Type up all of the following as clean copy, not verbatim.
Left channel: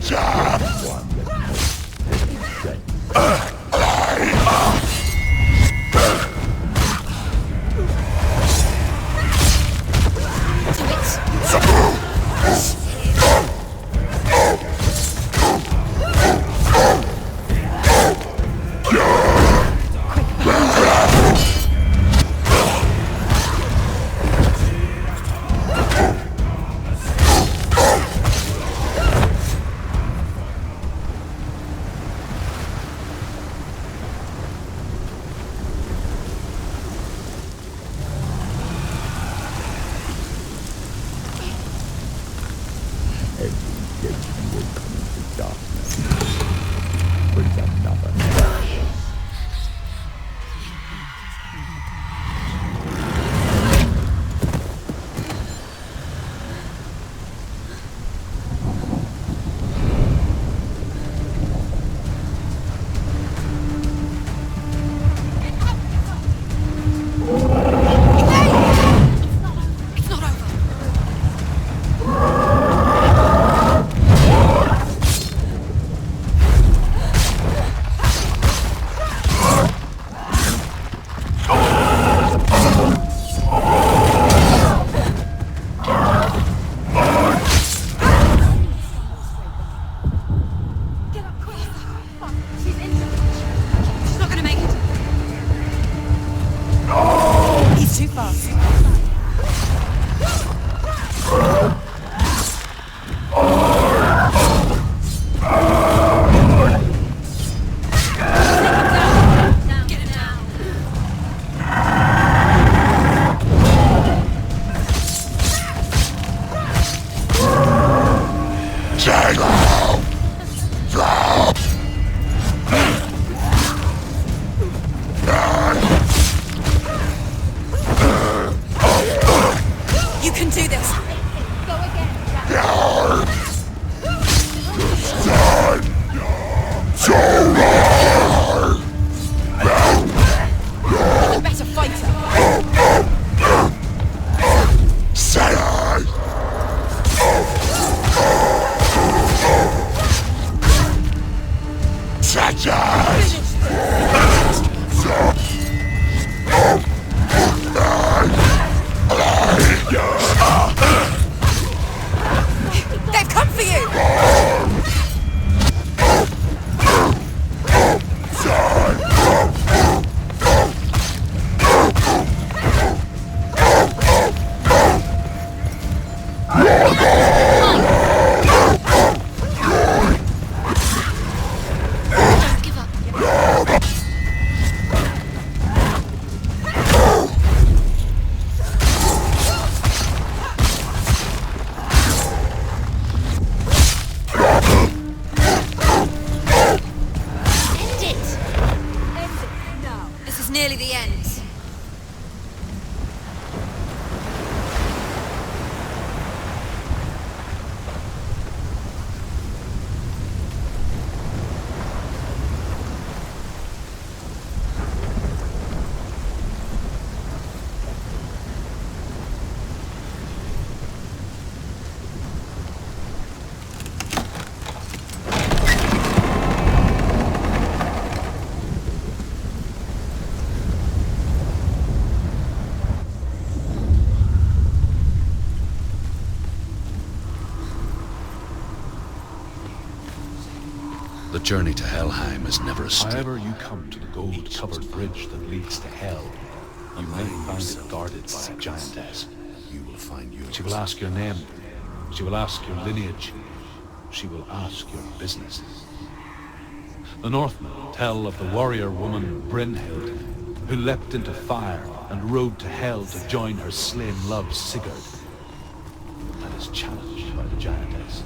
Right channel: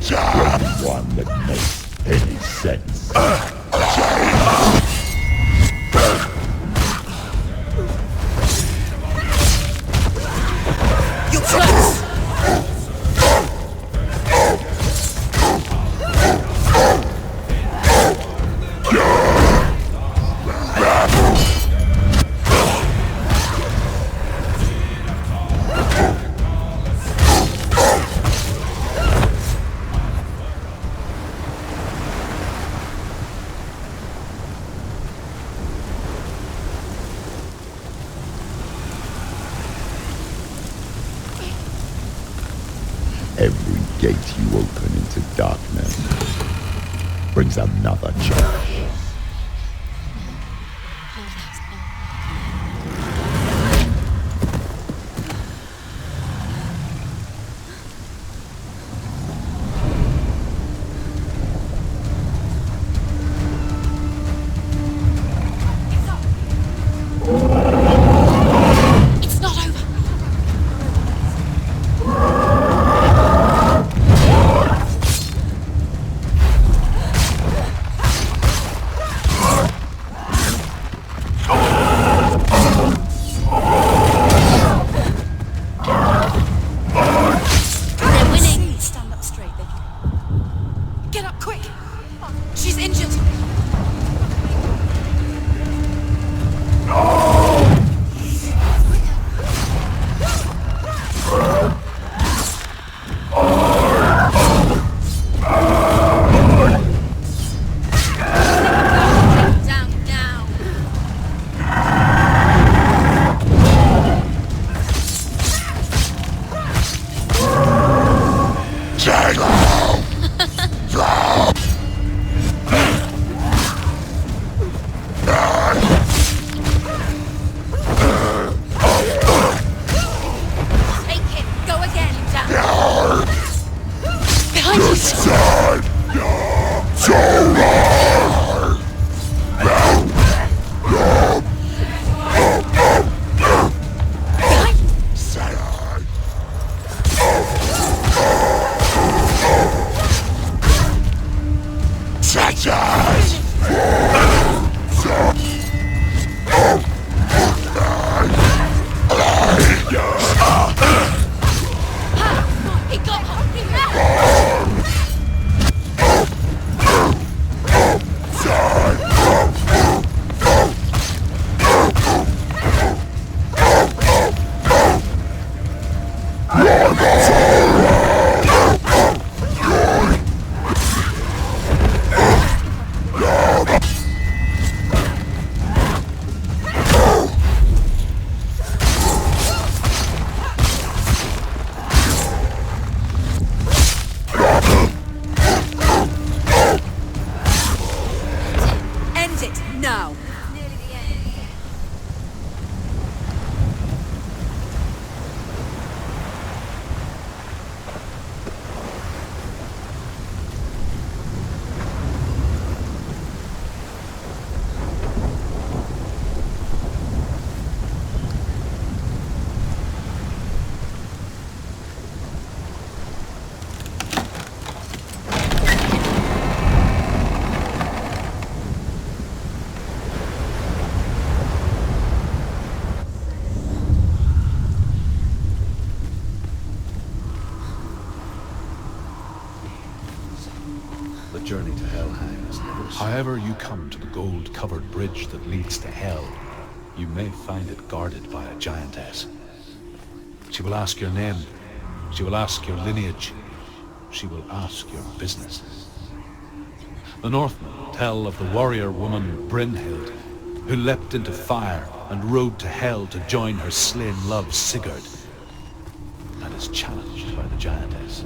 One that makes any sense. Every gate you open into darkness brings another challenge. The journey to Helheim is never a stop. However you come to the gold-covered bridge that leads to Hell, you may find it guarded by a giantess. She will ask your name. She will ask your lineage. She will ask your business. The Northmen tell of the warrior woman Brynhild, who leapt into fire and rode to Hell to join her slain love Sigurd, and is challenged by the giantess.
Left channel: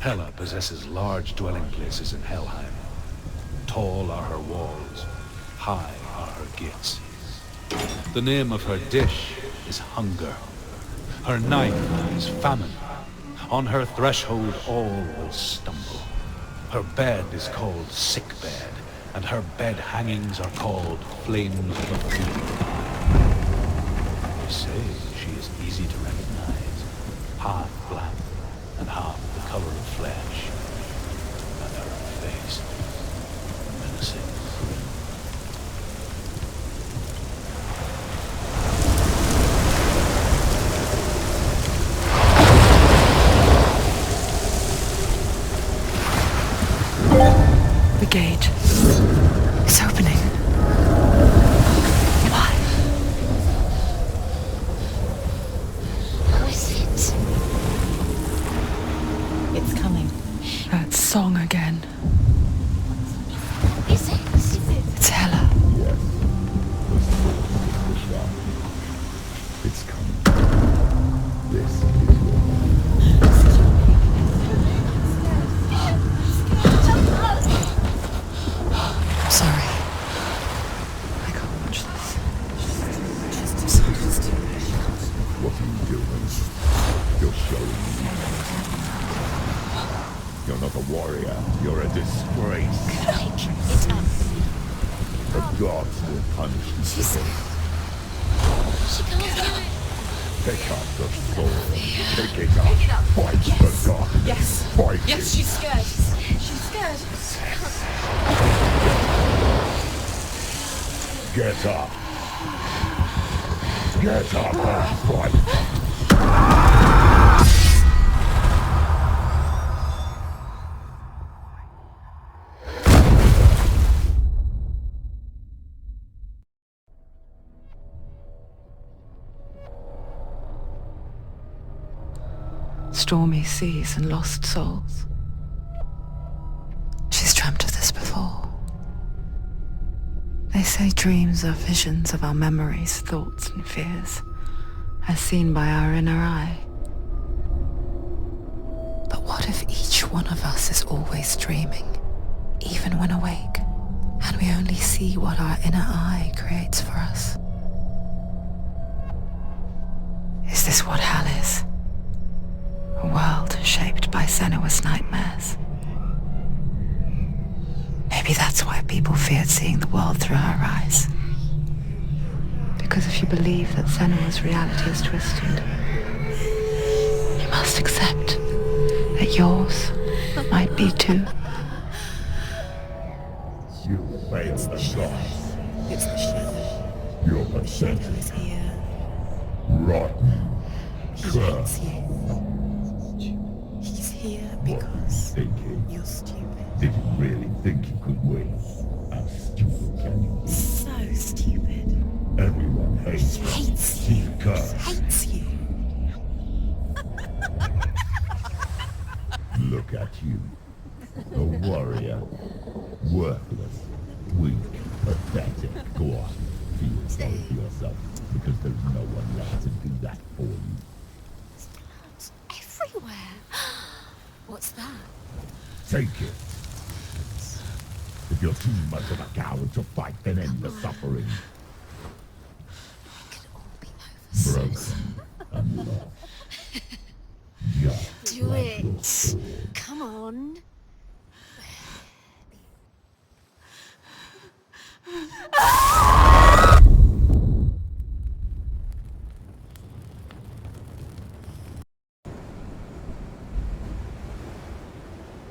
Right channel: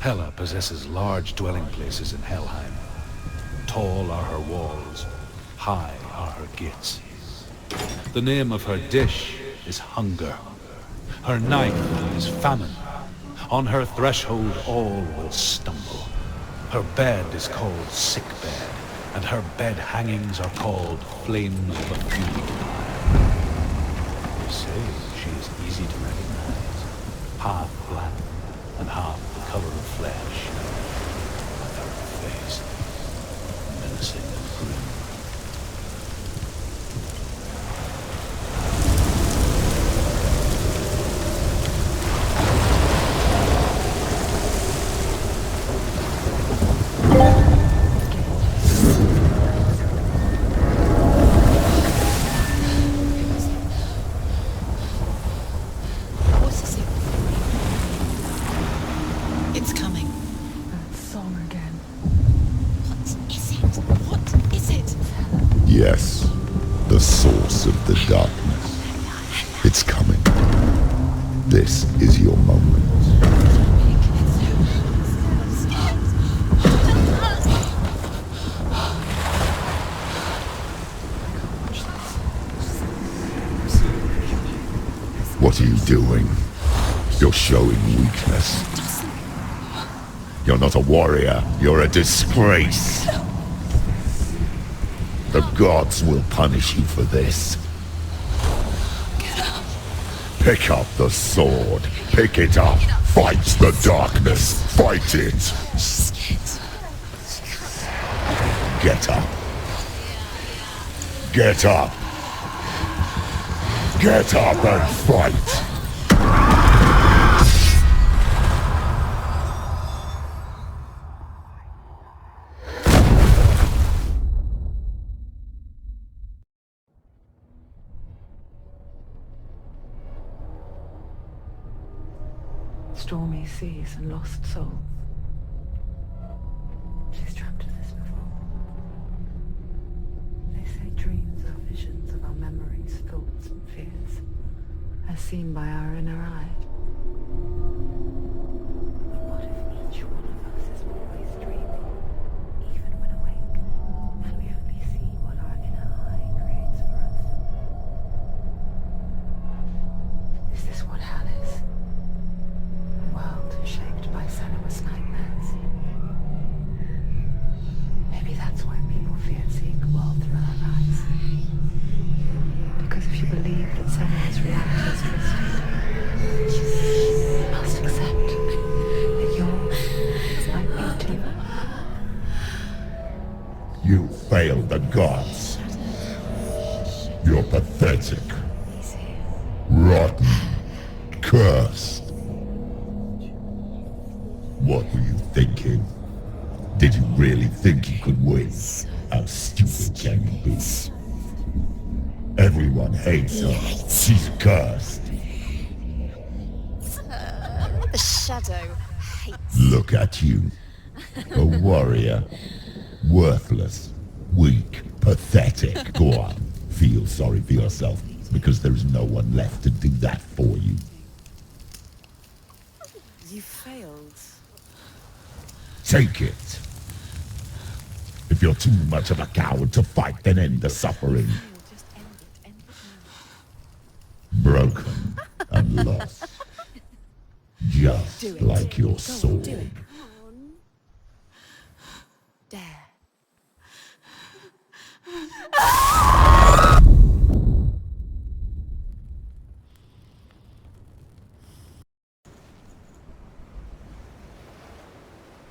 Hela possesses large dwelling places in Helheim. Tall are her walls, high are her gates. The name of her dish is hunger. Her knife is famine. On her threshold all will stumble. Her bed is called sick bed, and her bed hangings are called flames of a fury fire. They say she is easy to recognize, half black and half the color of flesh, and her face menacing and grim. The gate is opening. It's coming. That song again. Is it? It's Hela. Yes, the source of the darkness. It's coming. This is your moment. I'm sorry. I can't watch this. What are you doing? You're showing weakness. You're not a warrior. You're a disgrace. The gods will punish you for this. Pick up the sword. Pick it up. Fight the darkness. Fight it. Get up. Get up. Get up and fight. Stormy seas and lost souls. She's dreamt of this before. They say dreams are visions of our memories, thoughts and fears, as seen by our inner eye. But what if each one of us is always dreaming, even when awake, and we only see what our inner eye creates for us? Is this what hell is? A world shaped by Senua's nightmares. Maybe that's why people feared seeing the world through her eyes. Because if you believe that Senua's reality is twisted, you must accept that yours might be too. You failed the gods. You're pathetic. Rotten. Cursed. What were you thinking? Did you really think you could win? How stupid can you be? So stupid. Everyone hates her. She's cursed. The shadow hates. Look at you. A warrior. Worthless. Weak. Pathetic. Go on. Feel sorry for yourself, because there is no one left to do that for you. Everywhere. You failed. What's that? Take it. If you're too much of a coward to fight, then end the suffering. Broken and lost. Just like your sword. Come on. There.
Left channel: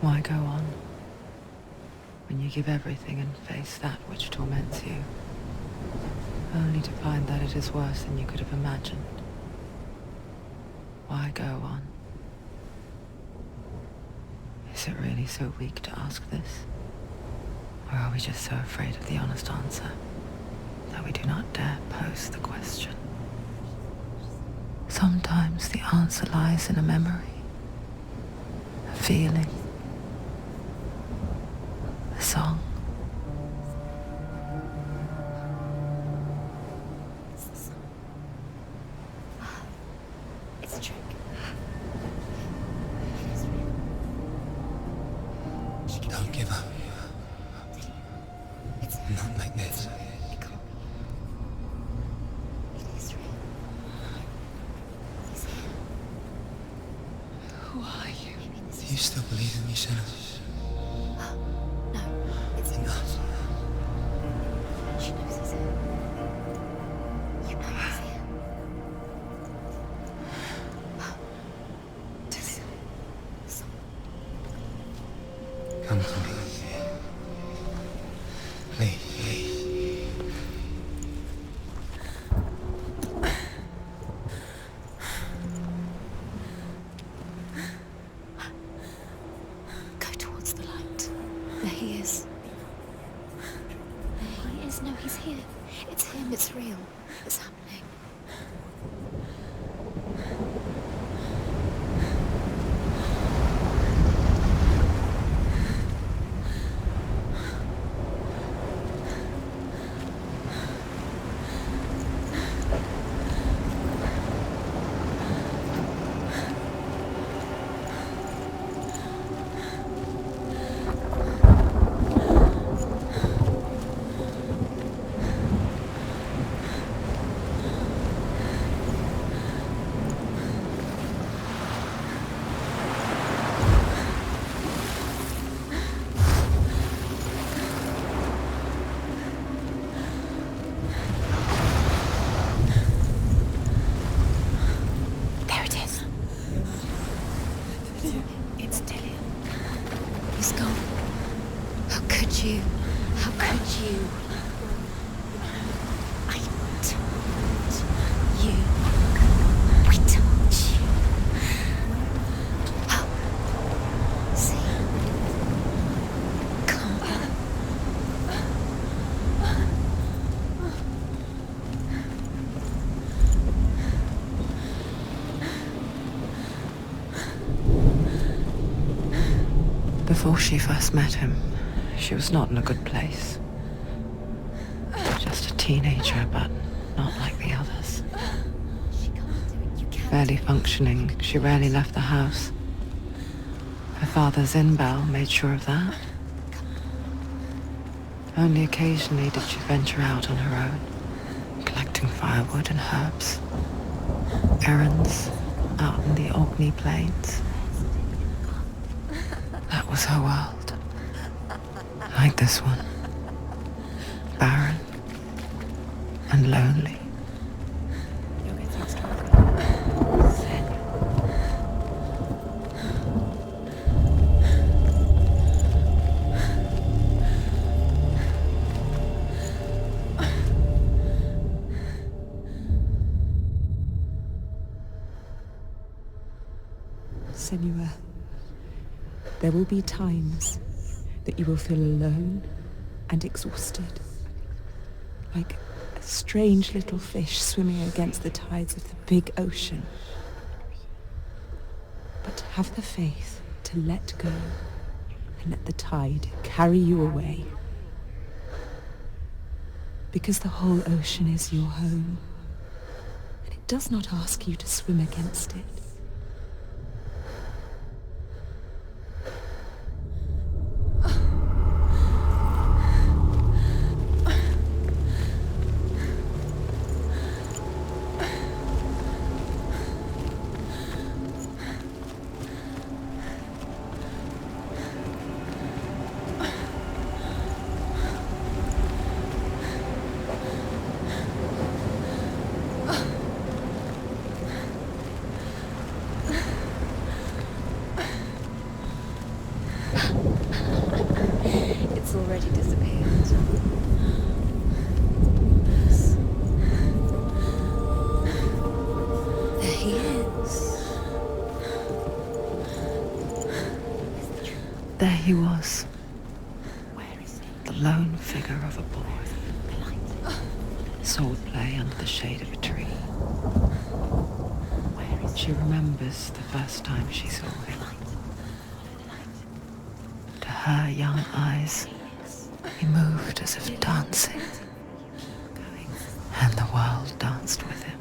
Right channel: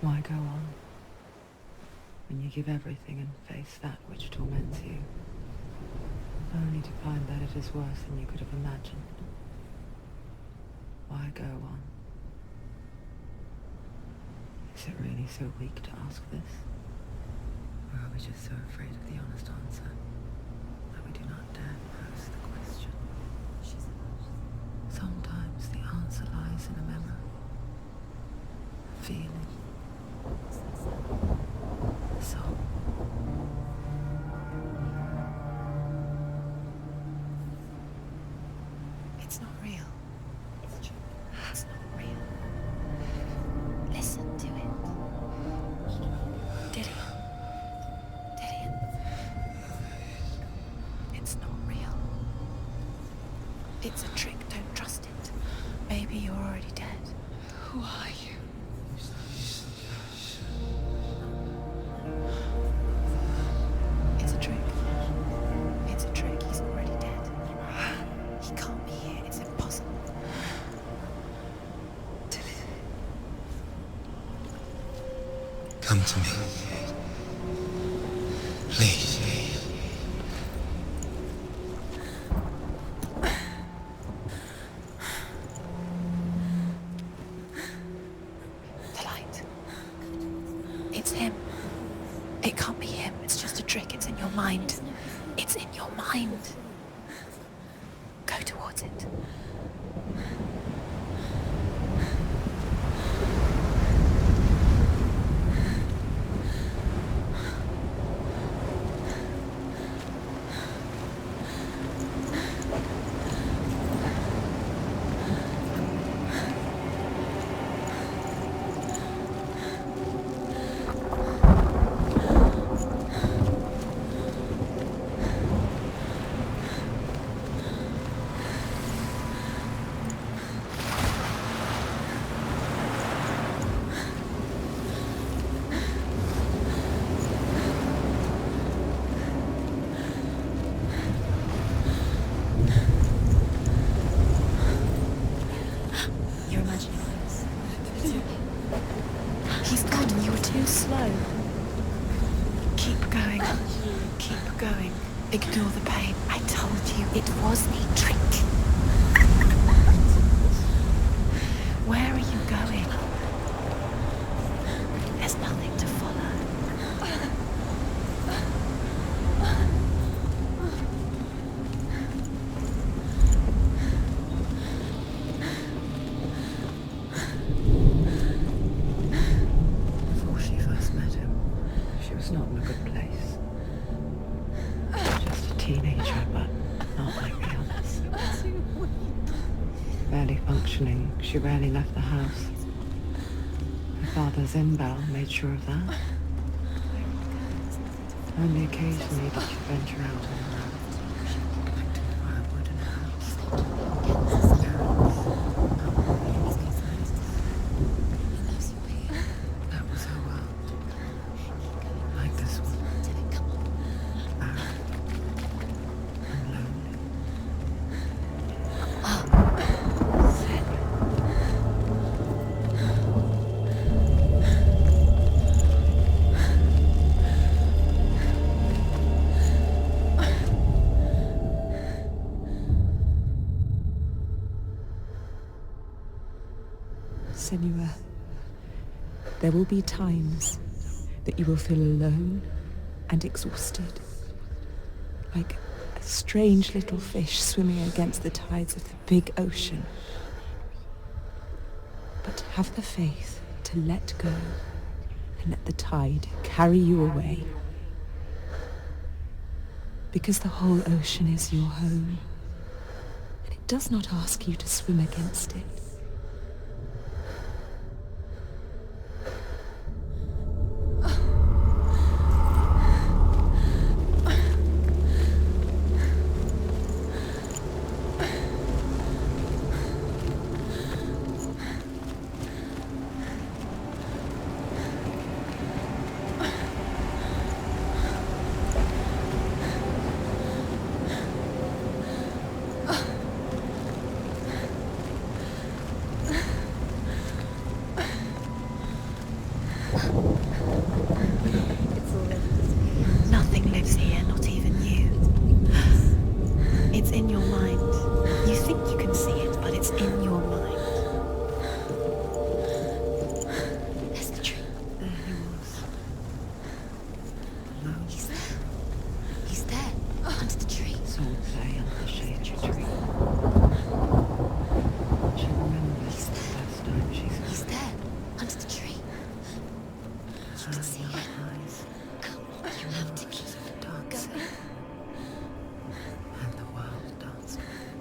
Why go on when you give everything and face that which torments you, only to find that it is worse than you could have imagined? Why go on? Is it really so weak to ask this? Or are we just so afraid of the honest answer that we do not dare pose the question? Sometimes the answer lies in a memory, a feeling, a song. It's not real. It's a trick. It's not real. Listen to Who are you? Do you still believe in yourself? No, it's a trick. She knows it's a trick. He's already dead. You know he's here. He can't be here. It's impossible. Come to me. Please. The light. Go towards the light. It's him. There he is. It can't be him. It's just a trick. It's in your mind. No, he's here. It's in your mind. It's real. What's happening? Go towards it. There it is. You're imagining this. It's Tilly. He's gone. You were so slow. How could you? Keep going. How could you? Keep going. Ignore the pain. I told you it was he tricked you. I told you. Where are you going? Up. See, there's nothing to follow. Come on. Before she first met him, she was not in a good place. Just a teenager, but not like the others. Barely functioning, she rarely left the house. Her father's in-bell made sure of that. Only occasionally did she venture out on her own, collecting firewood and herbs. Errands out on the Orkney Plains. That was her world. Like this one. Barren and lonely. Senua, there will be times that you will feel alone and exhausted, like a strange little fish swimming against the tides of the big ocean. But have the faith to let go and let the tide carry you away. Because the whole ocean is your home, and it does not ask you to swim against it. It's already disappeared. Nothing lives here, not even you. It's in your mind. You think you can see it, but it's in your mind. It's the truth. There he was, Where is he? the lone figure of a boy. He's there, under the tree. Sword play under the shade of a tree. She remembers the first time she saw He's him. there, under the tree. To her young eyes, he moved as if dancing, and the world danced with him.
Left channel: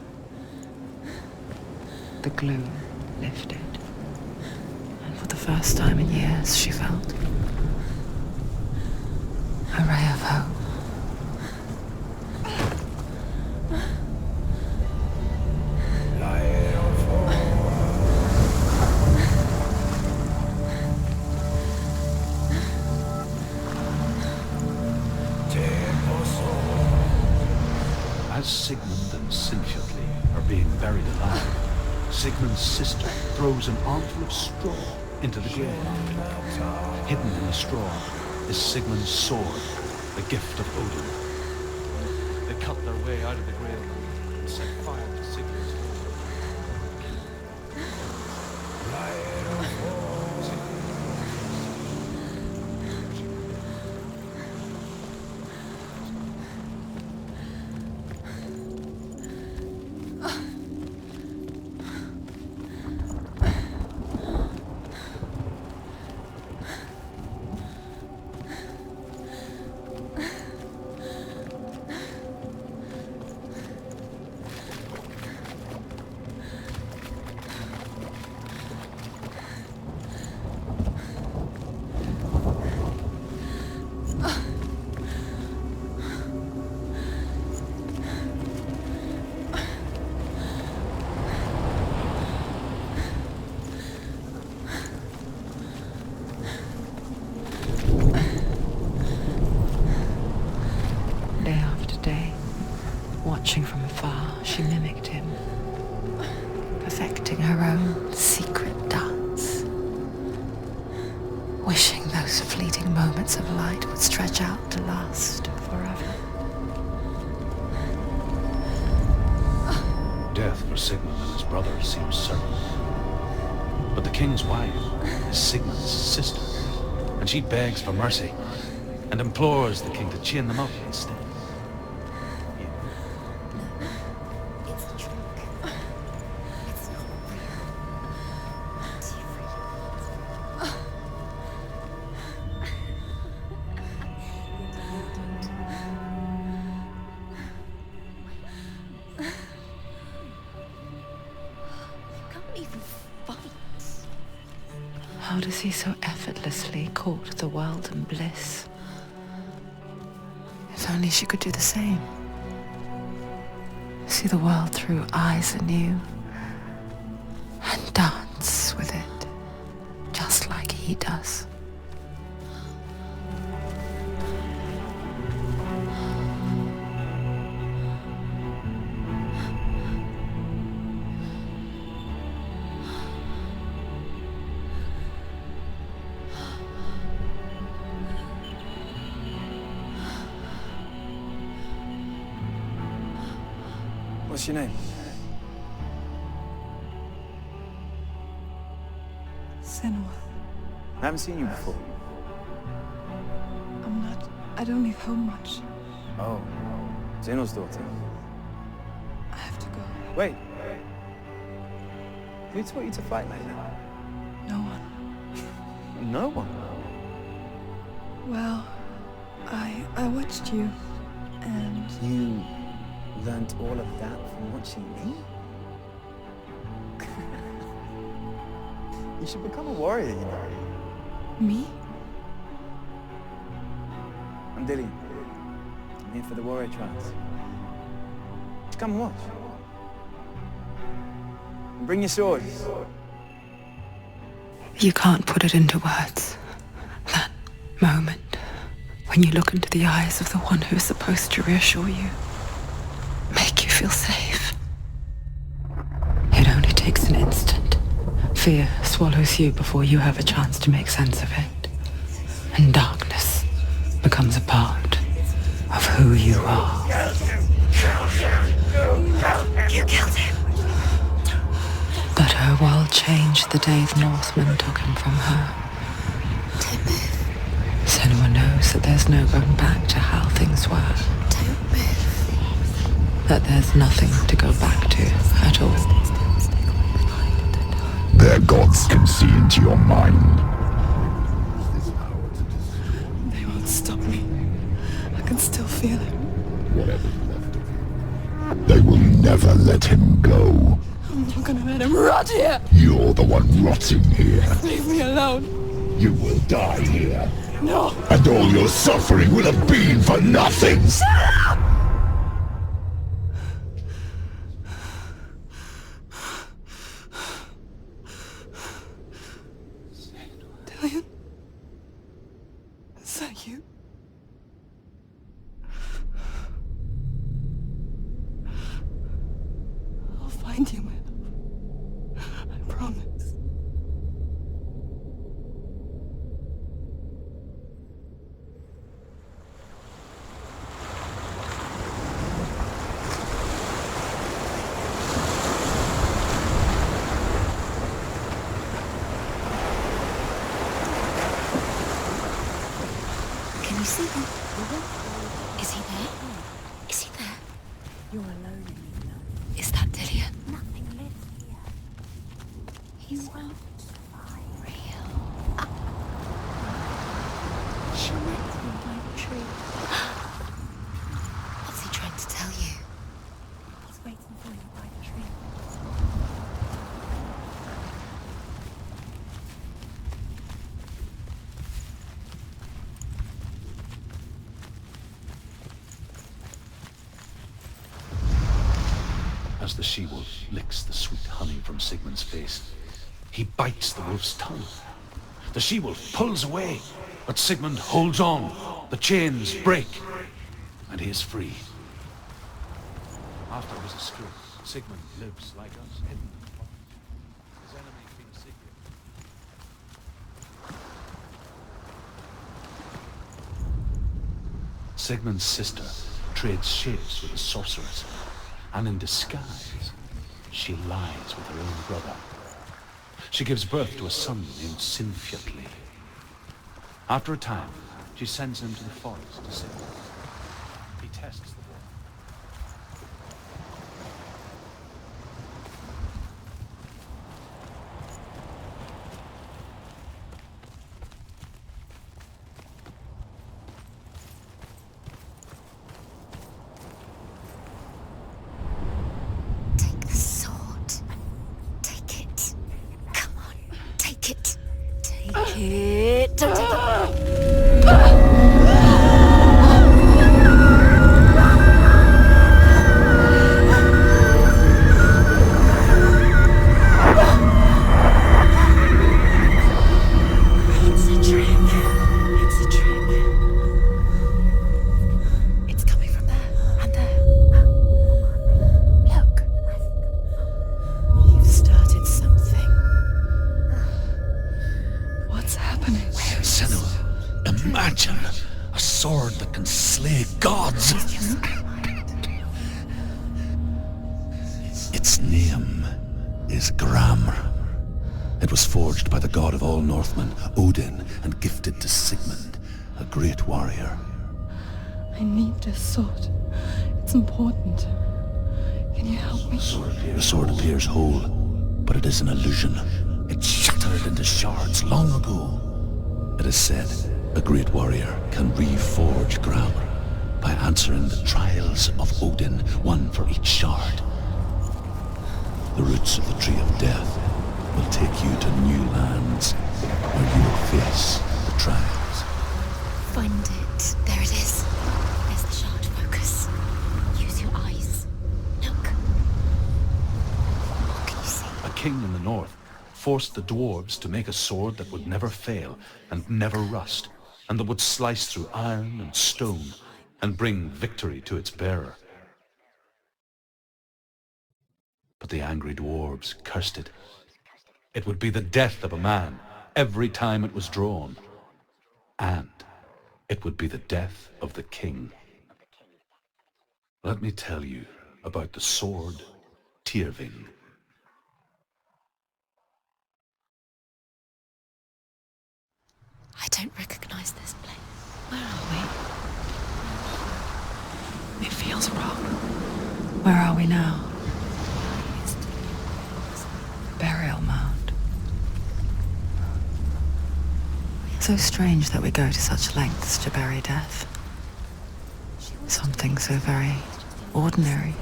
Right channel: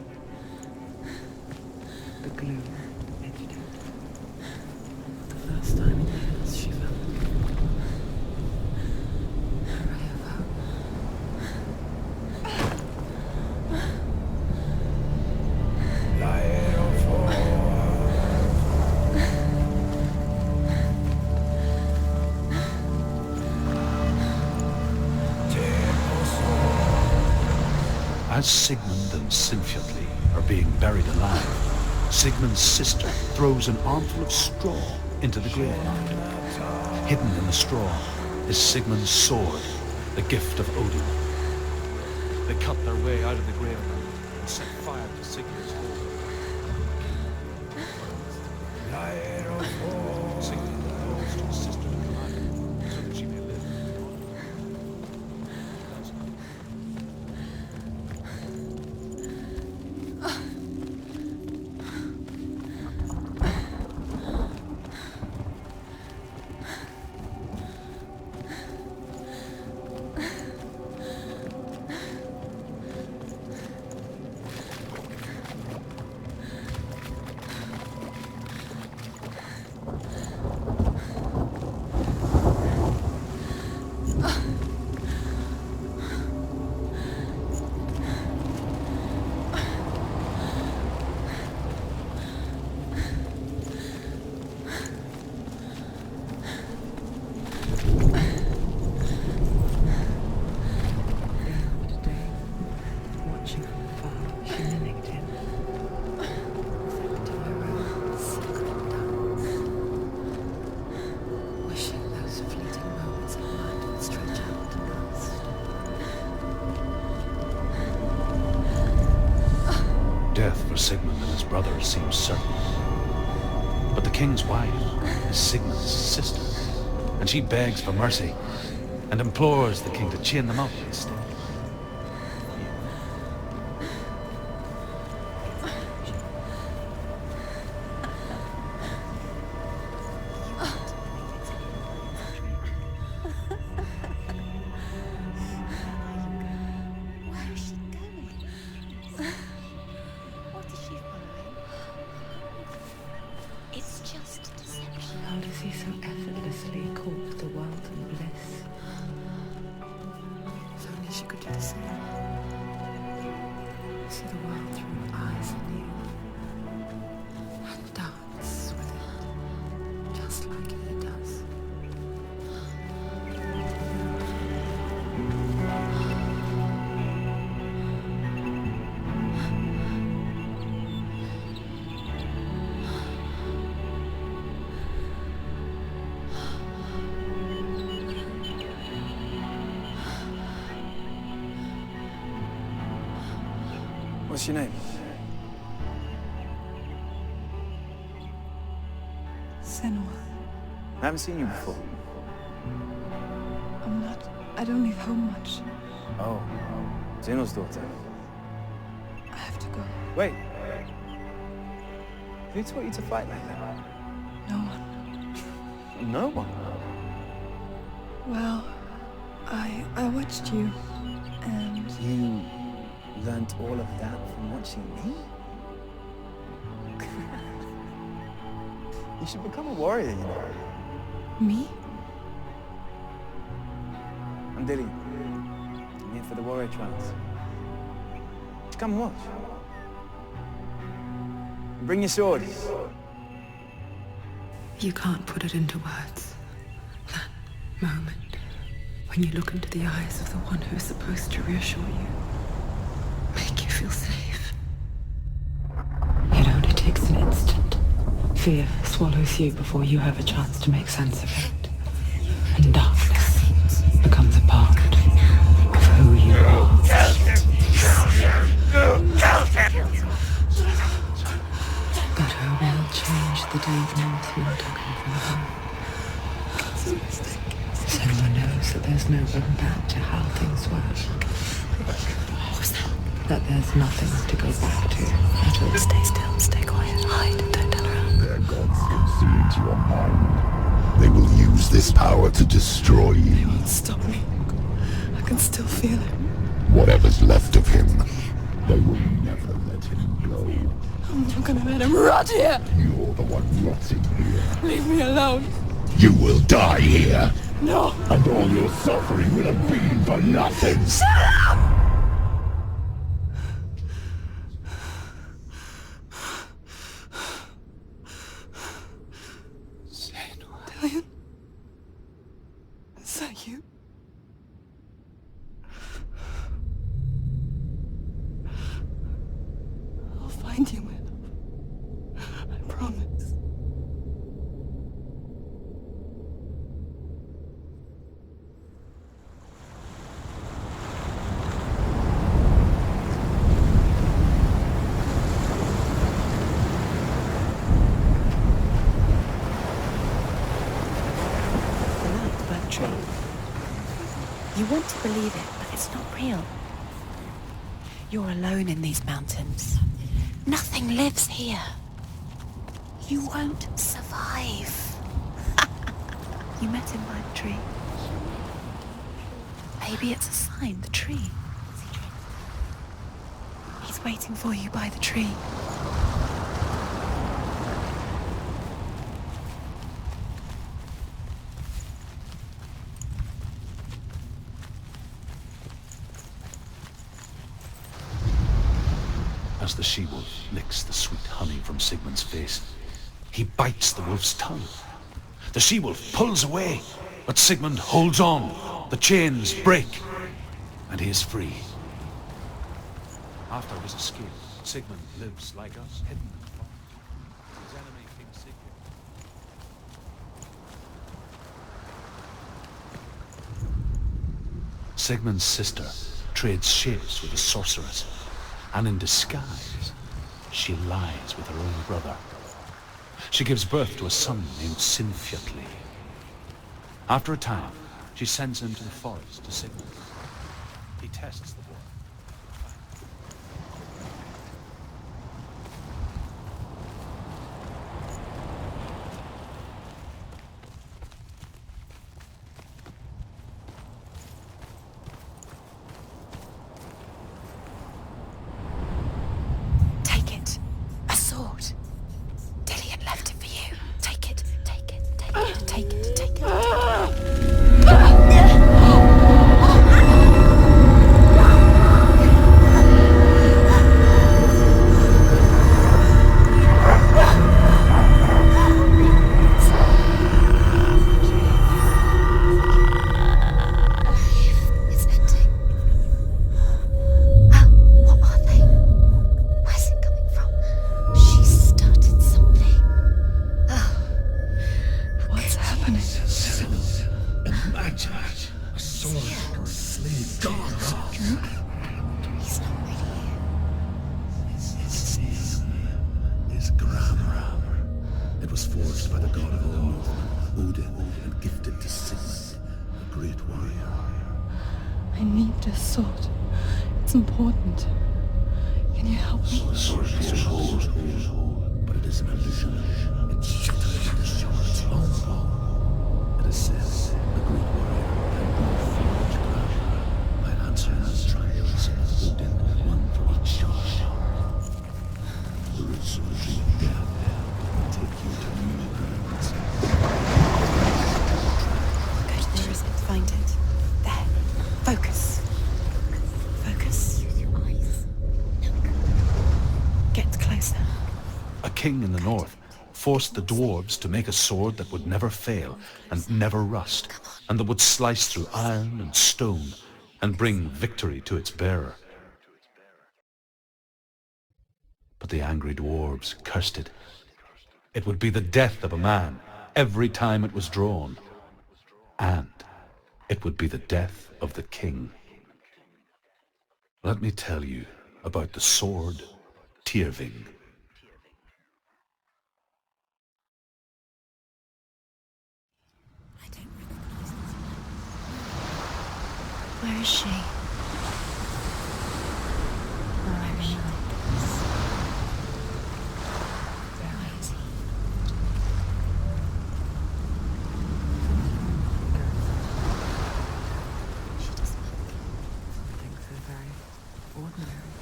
The gloom lifted, and for the first time in years she felt a ray of hope. As Sigmund and Sinfjotli are being buried alive, Sigmund's sister throws an armful of straw into the graveyard. Hidden in the straw is Sigmund's sword, the gift of Odin. They cut their way out of the graveyard and set fire to Sigmund's home. Watching from afar, she mimicked him, perfecting her own secret dance, wishing those fleeting moments of light would stretch out to last forever. Death for Sigmund and his brother seems certain. But the king's wife is Sigmund's sister, and she begs for mercy and implores the king to chain them up instead. How does he so effortlessly court the world and bliss? If only she could do the same. See the world through eyes anew and dance with it, just like he does. What's your name? Senua. I haven't seen you before. I don't leave home much. Oh, Zenua's daughter. I have to go. Wait. Who taught you to fight like that? No one. No one. Well, I watched you, and You learned all of that from watching me? You should become a warrior, you know. me? I'm Dillian. I'm here for the warrior trials. Just come and watch. And bring your sword. You can't put it into words. That moment when you look into the eyes of the one who's supposed to reassure you, make you feel safe. It only takes an instant. Fear swallows you before you have a chance to make sense of it. And darkness becomes a part of who you are. You killed him. But her world changed the day the Northmen took him from her. Senua knows that there's no going back to how things were. That there's nothing to go back to at all. Stay still, stay quiet, hide, don't tell her. Their gods can see into your mind. They will use this power to destroy you. They won't stop me. I can still feel him. Whatever's left of him, they will never let him go. I'm not gonna let him rot here. You're the one rotting here. Leave me alone. You will die here. No. And all your suffering will have been for nothing. Shut up! Dillian? Is that you? want to believe it. Is it not real? Is he there? You're alone in these mountains. Is that Delia? Nothing lives here. You won't survive. You met him by the tree. She met him by the tree. Maybe it's a sign, the tree. What's he trying to tell you? He's waiting for you by the tree. As the she-wolf licks the sweet honey from Sigmund's face, he bites the wolf's tongue. The she-wolf pulls away, but Sigmund holds on. The chains break, and he is free. After his escape, Sigmund lives like us, hidden and far. His enemy, King Sigurd. Sigmund's sister trades shapes with a sorceress, and in disguise, she lies with her own brother. She gives birth to a son named Sinfjotli. After a time, she sends him to the forest to Sigmund. He tests the boy. Its name is Gramr. It was forged by the god of all Northmen, Odin, and gifted to Sigmund, a great warrior. I need this sword. It's important. Can you help me? The sword appears whole, but it is an illusion. It shattered into shards long ago. It is said a great warrior can reforge Gramr by answering the trials of Odin, one for each shard. The roots of the Tree of Death will take you to new lands where you will face the trials. Find it. There it is. Focus. Focus. Focus. Use your eyes. Look. Get closer. What can you see? A king in the north forced the dwarves to make a sword that would never fail and never rust, and that would slice through iron and stone and bring victory to its bearer. But the angry dwarves cursed it. It would be the death of a man every time it was drawn. And it would be the death of the king. Let me tell you about the sword Tyrving. I don't recognize this place. Where are we? Where is she? It feels wrong. Where are we now? Burial mound. So strange that we go to such lengths to bury death. Something so very ordinary,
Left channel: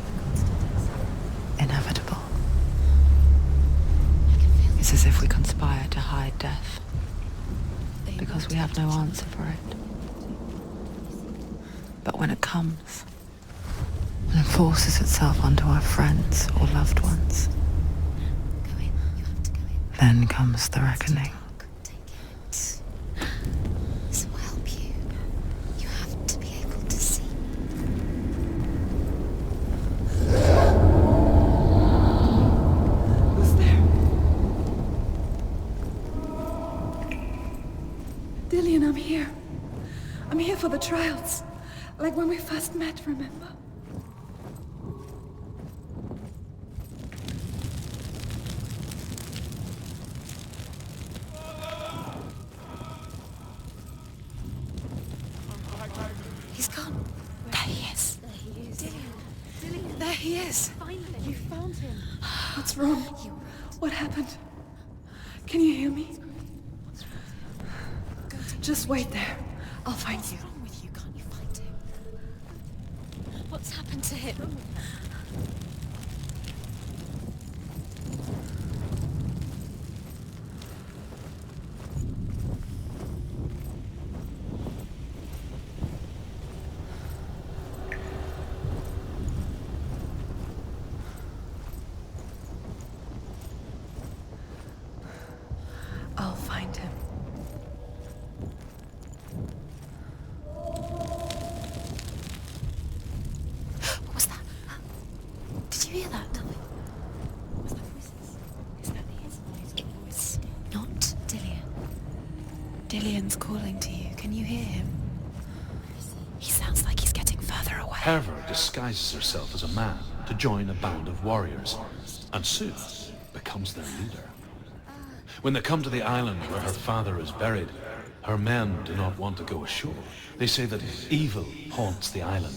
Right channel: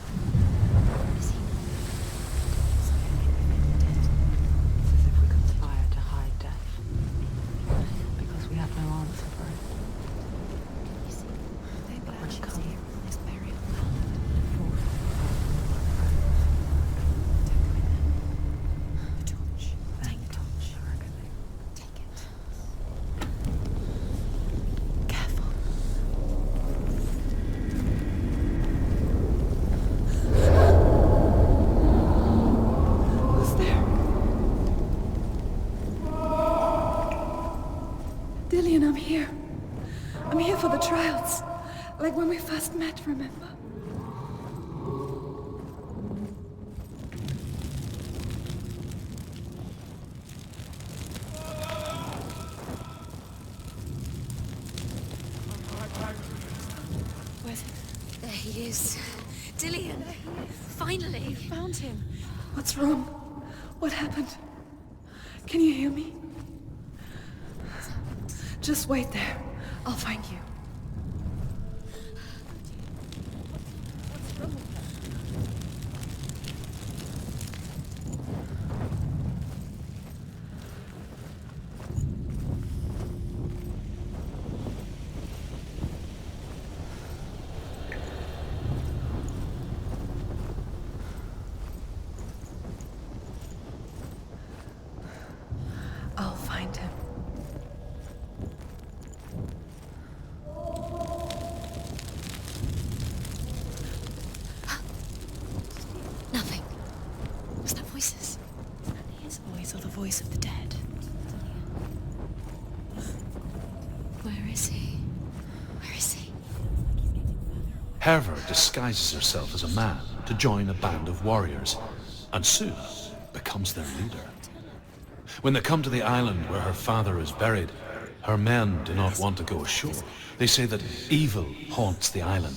inevitable. It's as if we conspire to hide death, because we have no answer for it. But when it comes, and forces itself onto our friends or loved ones, then comes the reckoning. This will help you. Careful. You have to be able to see. Who's there? Dillian, I'm here. I'm here for the trials. Like when we first met, remember? He's Yes, finally. You found him. What's wrong? What happened? Can you hear me? Just wait there. I'll find you. What's happened to him? I'll find him. What was that? Did you hear that? Nothing. Was that voices? Is that his voice or the voice of the dead? Not Dillian. Dillian's calling to you. Can you Where hear is him? he? Where is he? He sounds like he's getting further away. Herver disguises herself as a man to join a band of warriors, and soon becomes their leader. When they come to the island where her father is buried, her men do not want to go ashore. They say that evil haunts the island,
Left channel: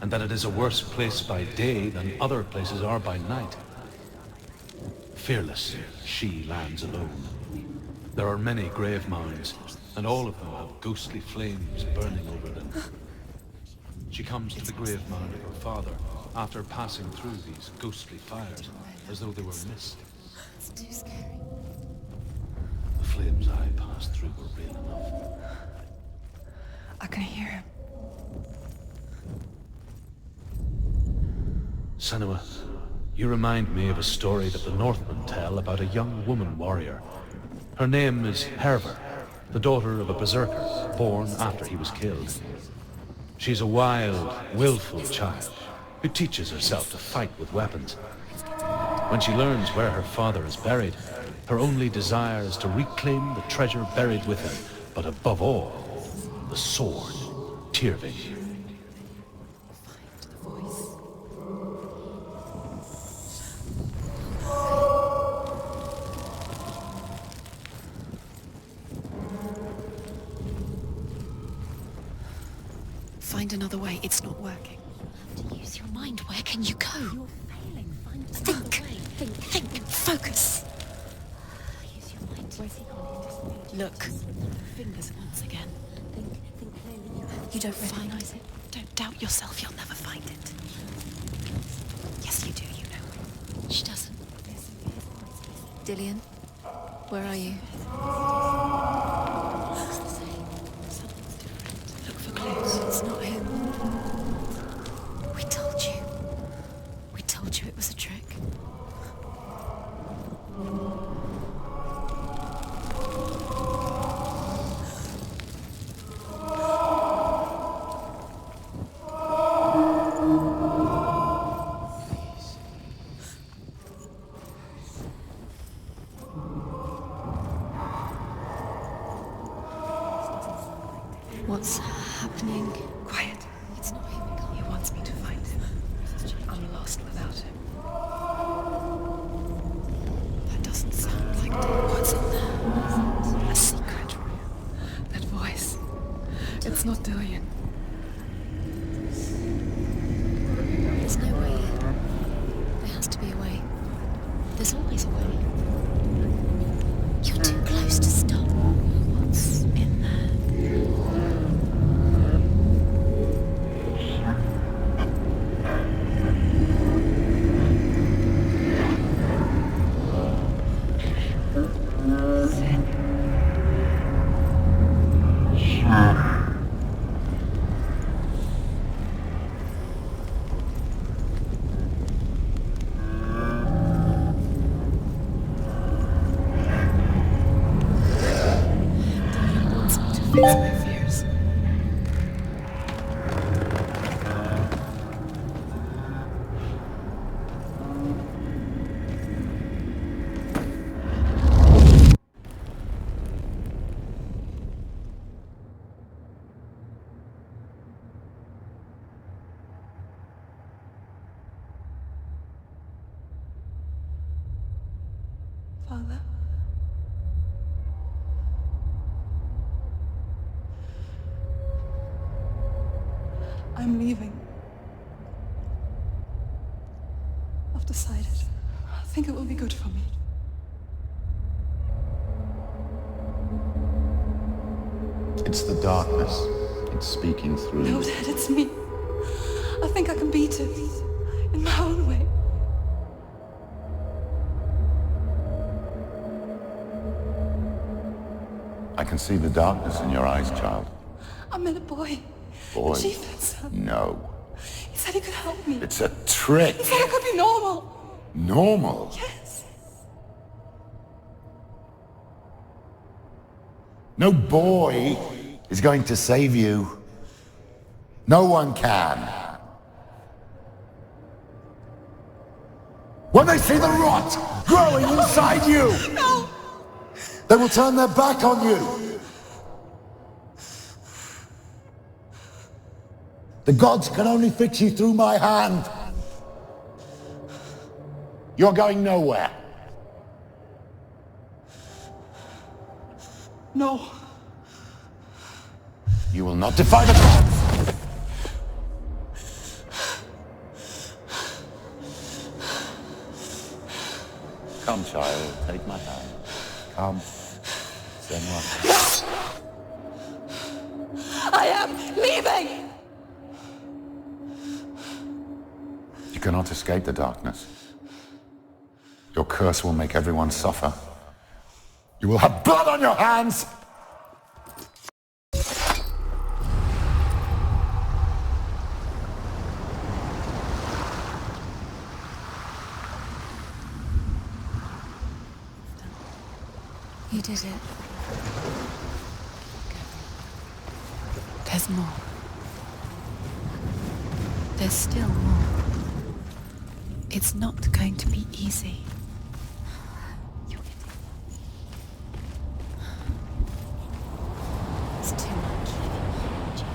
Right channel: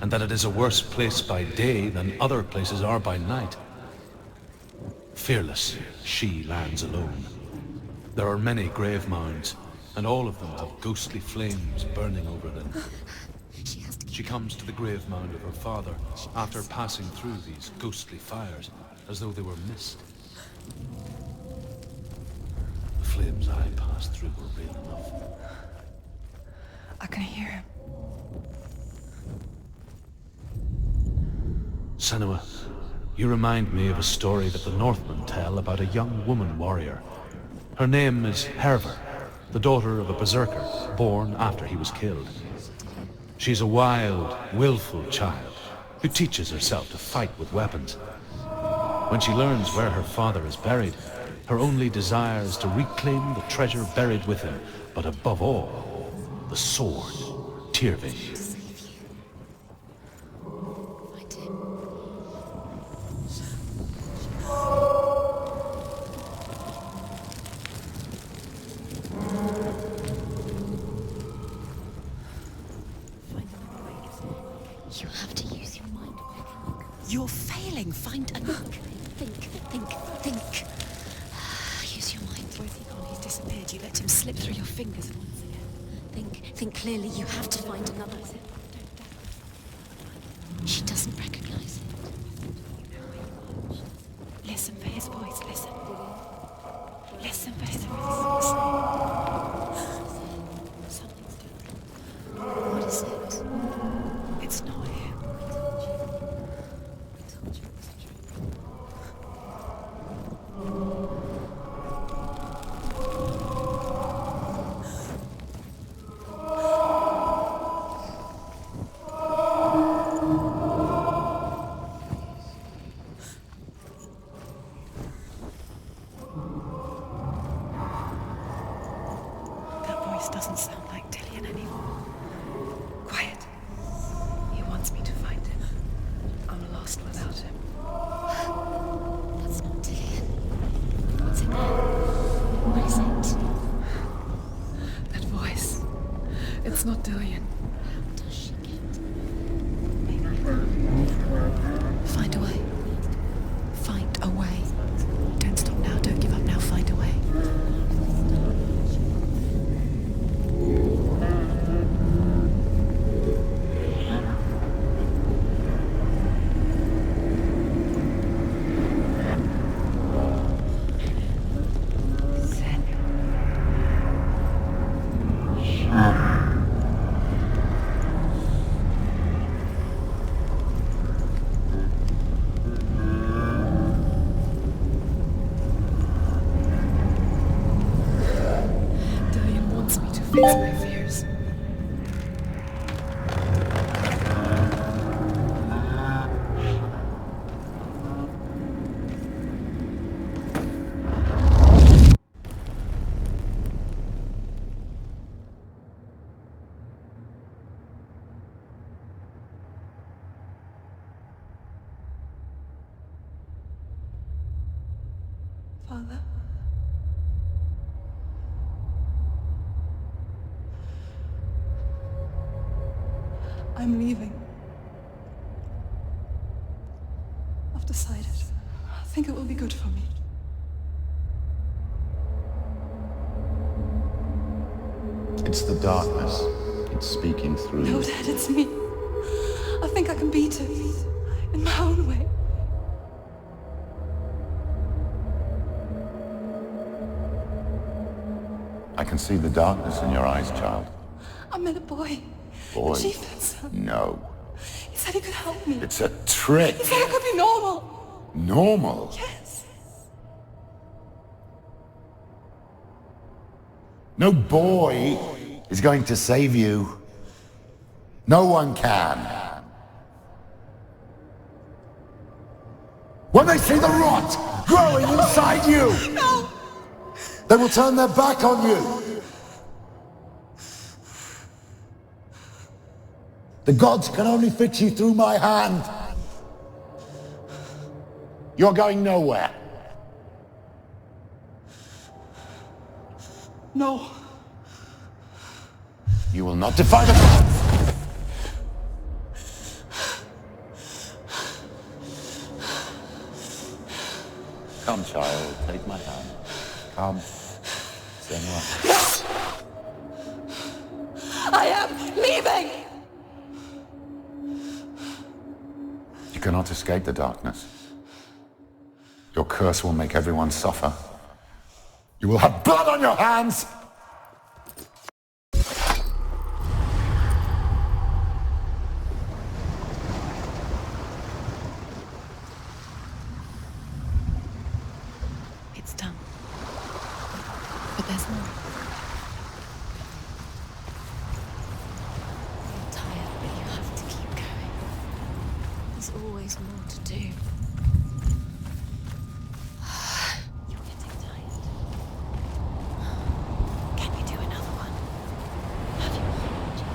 and that it is a worse place by day than other places are by night. Fearless, she lands alone. There are many grave mounds, and all of them have ghostly flames burning over them. She comes to the grave mound of her father after passing through these ghostly fires, as though they were mist. The flames I passed through were real enough. I can hear him. Senua, you remind me of a story that the Northmen tell about a young woman warrior. Her name is Herver, the daughter of a berserker, born after he was killed. She's a wild, willful child who teaches herself to fight with weapons. When she learns where her father is buried, her only desire is to reclaim the treasure buried with him, but above all, the sword, Tyrving. Find another way. It's not working. You have to use your mind. Where can you go? You're failing. Find another way. Think. Focus. Use your mind. Where's he gone? He's disappeared. You let him slip through your fingers once again. Think clearly. You have to. Don't doubt yourself. You'll never find it. She doesn't recognize. Yes, you do. You know. She doesn't. Listen for his voice. Listen. Dillian, where are you? Listen for his voice. Look for clues. It's not him. It's not him. We told you. We told you it was a trick. That voice doesn't sound like Dillian. What's happening? Quiet. He wants me to find him. I'm lost without him. That's not Dillian. That doesn't sound like Dillian. What's up there? What is it? A secret. That voice. It's not Dillian. There's no way. Find a way. There has to be a way. Find a way. There's always a way. Don't stop now. Don't give up now. Find a way. You're too close to stop. What's in there? Dillian wants me to face my fears. Father? I'm leaving. decided. I think it will be good for me. It's the darkness. It's speaking through No, you. Dad, it's me. I think I can beat it. In my own way. I can see the darkness in your eyes, child. I met a boy. Boy? The chief had some. No. He said he could help me. It's a trick. He said I could be normal. Normal? Yes. No boy is going to save you. No one can. When they see the rot growing inside you, No! they will turn their back on you. The gods can only fix you through my hand. You're going nowhere. No. You will not defy the gods. Come, child, take my hand. Come. Senua. I am leaving! You cannot escape the darkness. Your curse will make everyone suffer. You will have blood on your hands! It's done. We did it, but there's more. There's more. I'm tired. You have to keep going. There's still more. There's always more to do. It's not going to be easy. You're getting tired. Can you do another one? It's too much. Have you energy?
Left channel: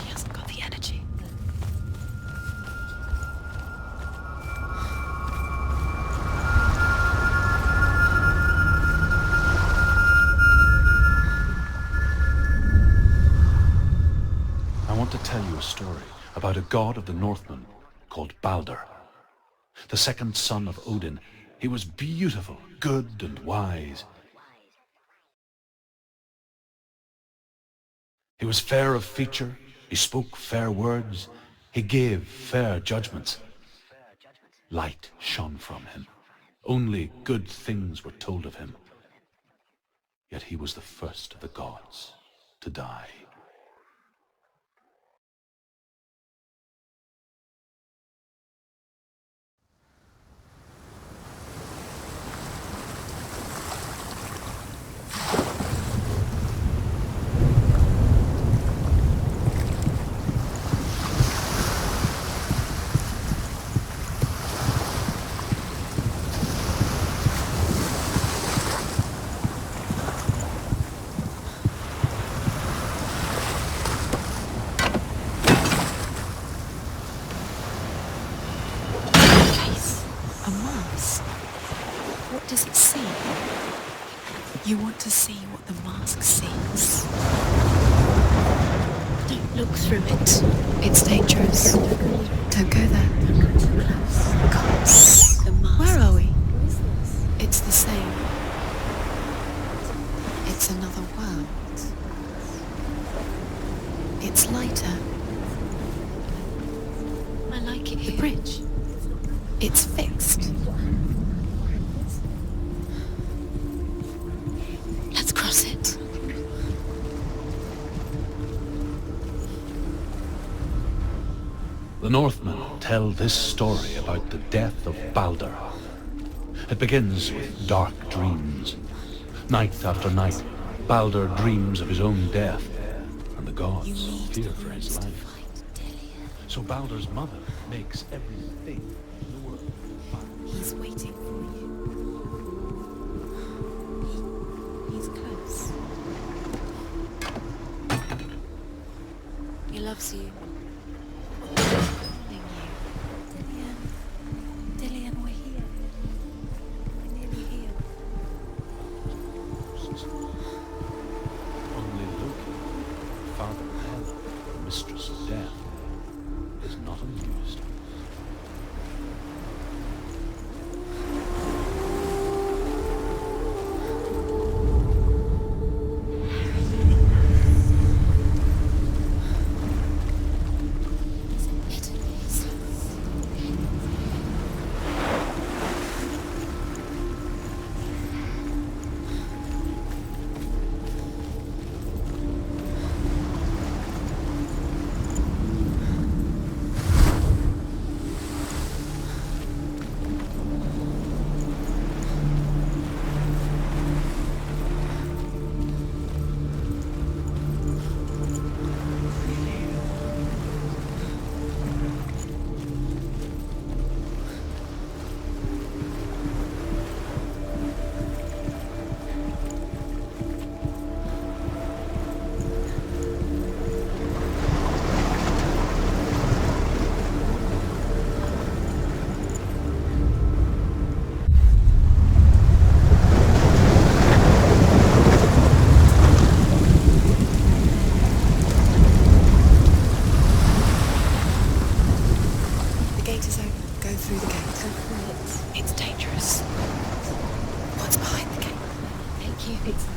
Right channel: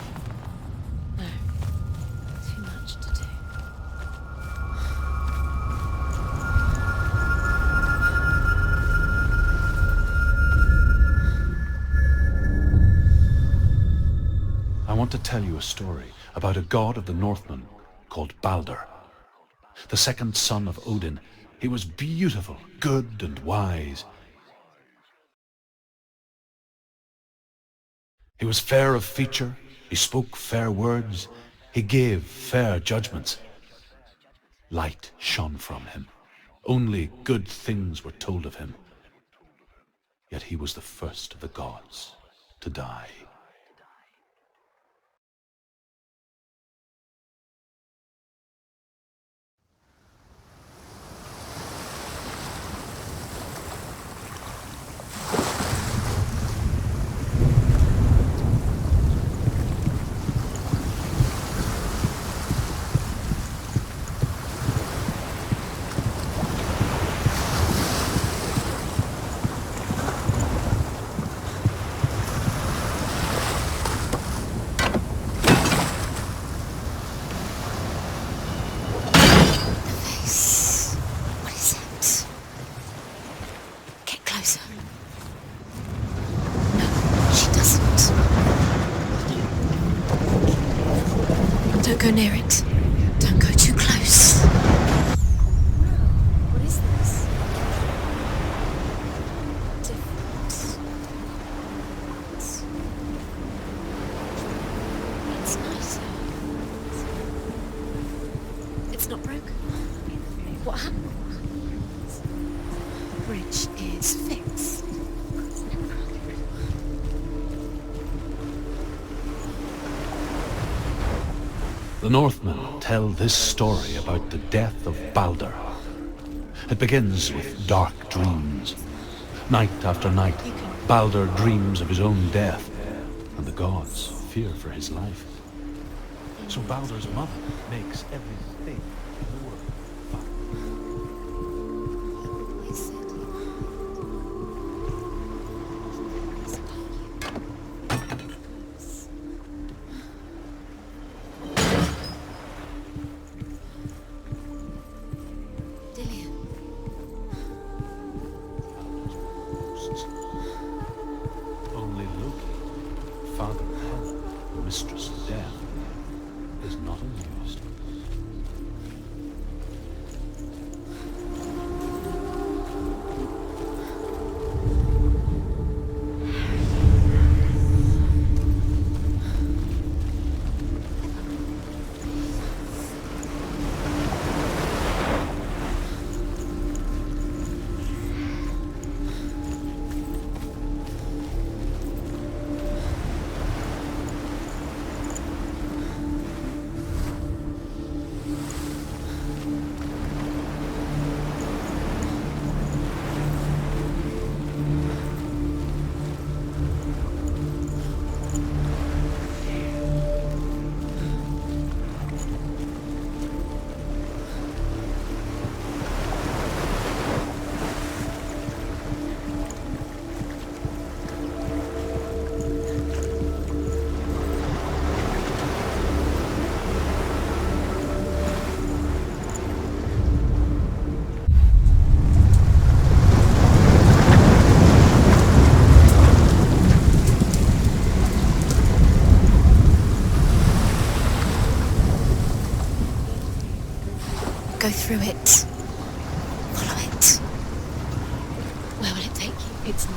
She hasn't got the energy. No. Too much to do. I want to tell you a story about a god of the Northmen called Balder. The second son of Odin. He was beautiful, good and wise. He was fair of feature, he spoke fair words, he gave fair judgments. Light shone from him. Only good things were told of him. Yet he was the first of the gods to die. What does it see? Get closer. You want to see what the mask sees. She doesn't. Don't look through it. It's dangerous. Don't go near it. Don't go there. Don't go too close. The mask. Where are we? What is this? It's the same. It's another world. It's lighter. It's nicer. I like it here. The bridge. It's not broken. It's fixed. What happened? Bridge is fixed. Let's cross it. The Northmen tell this story about the death of Balder. It begins with dark dreams. Night after night, Balder dreams of his own death, and the gods fear for his life. So Balder's mother makes everything in the world fire. He's waiting for you. He said he's close. He loves you. Dillian, we're here. Dillian. Only Loki, father of Hela, mistress of death, is not amused.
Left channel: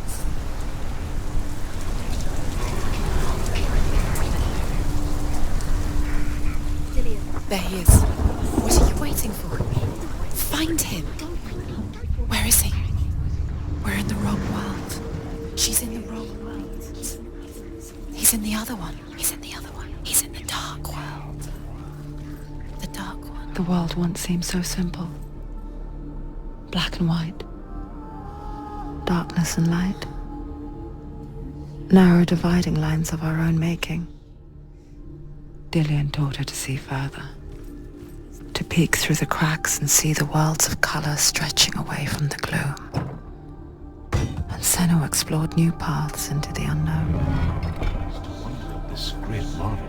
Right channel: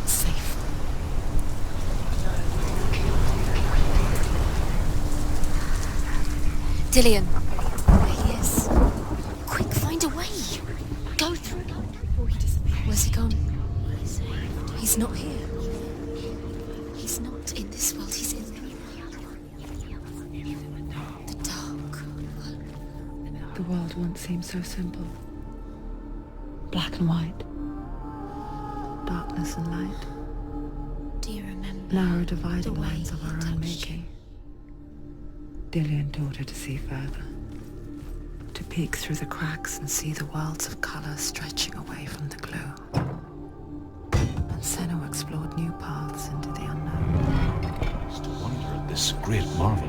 It's safe. Dillion. There he is. What are you waiting for? Quick, find a way. Find him. Go. Where is he? Where's he gone? We're in the wrong world. He's not here. She's in the wrong world. He's not in this world. He's in the other one. He's in the other one. He's in the dark world. The dark world. The world once seemed so simple. Black and white. Darkness and light. Do you remember? Narrow dividing lines of our own making. Dillion taught her to see further. To peek through the cracks and see the worlds of colour stretching away from the gloom. And Senua explored new paths into the unknown. To wonder at this great marvel.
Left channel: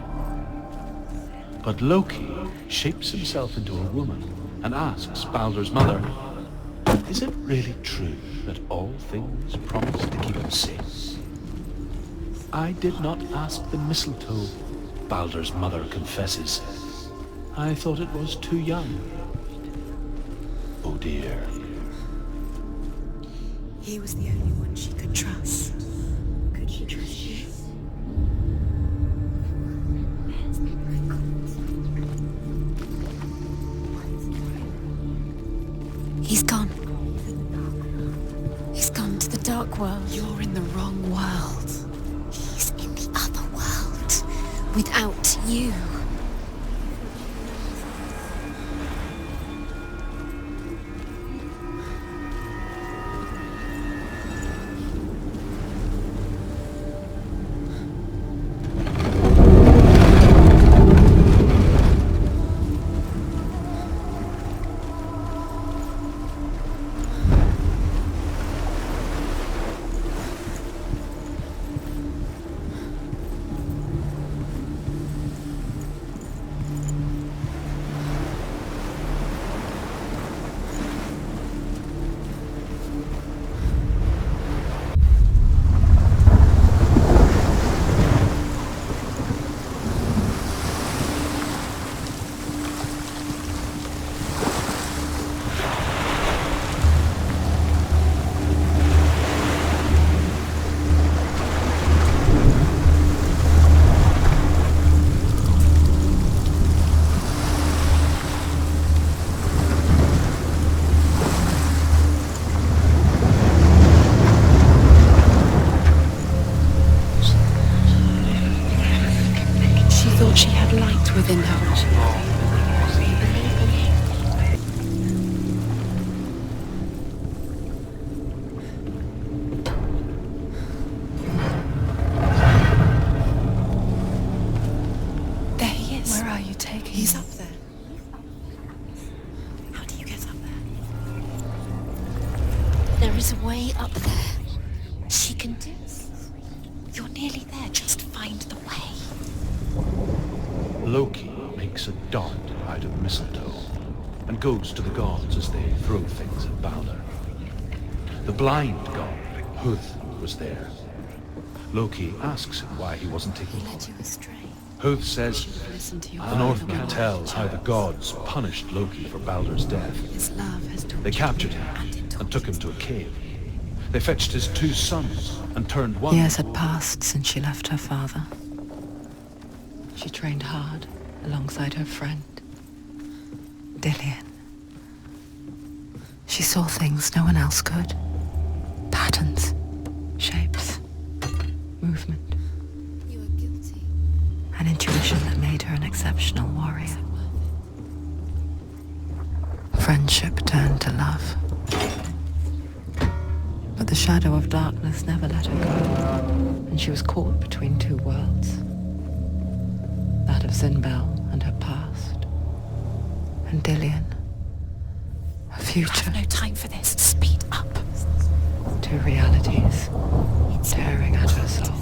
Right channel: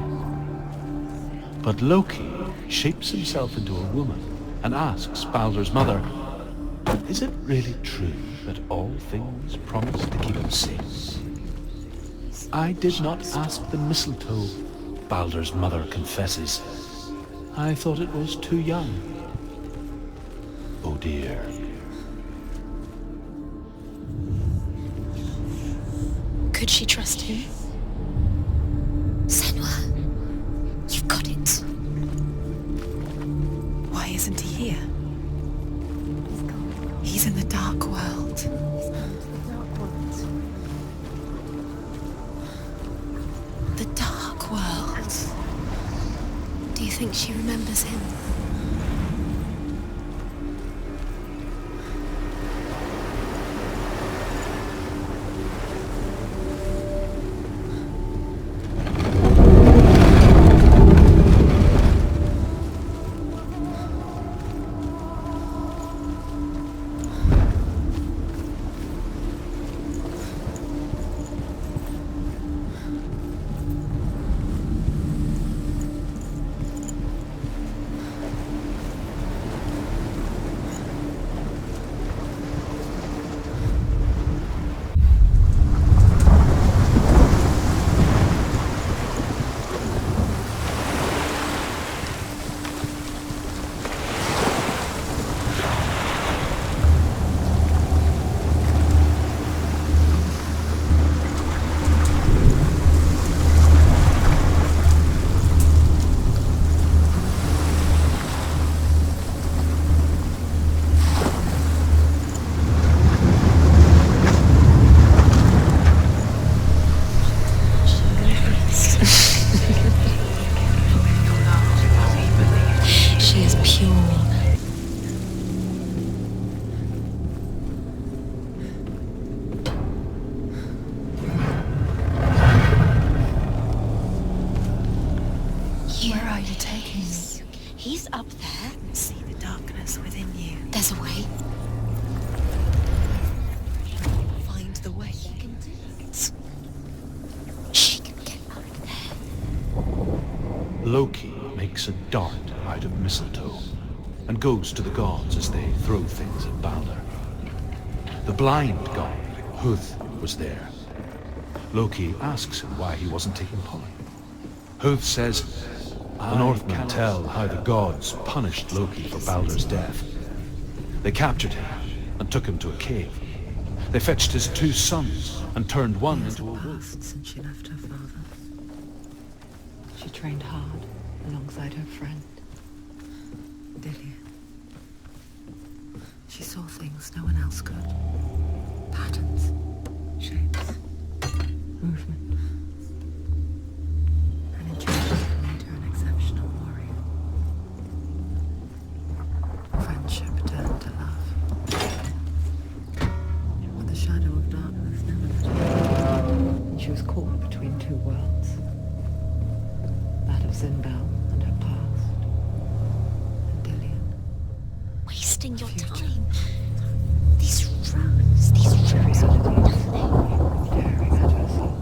But Loki shapes himself into a woman and asks Baldur's mother, is it really true that all things promise to keep him safe? I did not ask the mistletoe, Baldur's mother confesses. I thought it was too young. Oh dear. He was the only one she could trust. Could she trust him? Senua, you've got it. Why isn't he here? He's gone. He's in the dark world. He's gone to the dark world. You're in the wrong world. He's in the other world. The dark world. Without you. Do you think she remembers him? He's up there. See the darkness within you. There's a way. There is a way up there. Find the way. She can do it. You're nearly there. She'll find the way. Loki makes a dart out of mistletoe and goes to the gods as they throw things at Baldur. The blind god, Huth, was there. Loki asks him why he wasn't taking part. Huth says, the Northmen tell how the gods punished Loki for Baldur's death. They captured him and took him to a cave. They fetched his 2 sons and turned one Years into had a passed since she left her father. She trained hard alongside her friend, Dillion. She saw things no one else could. Patterns, shapes, movement. An intuition that made her an exceptional warrior. Friendship turned to love. But the shadow of darkness never let her go, and she was caught between 2 worlds. That of Zinbel and her past, and Dillion, Wasting a future. No time for this. Speedy. 2 realities, tearing at her soul.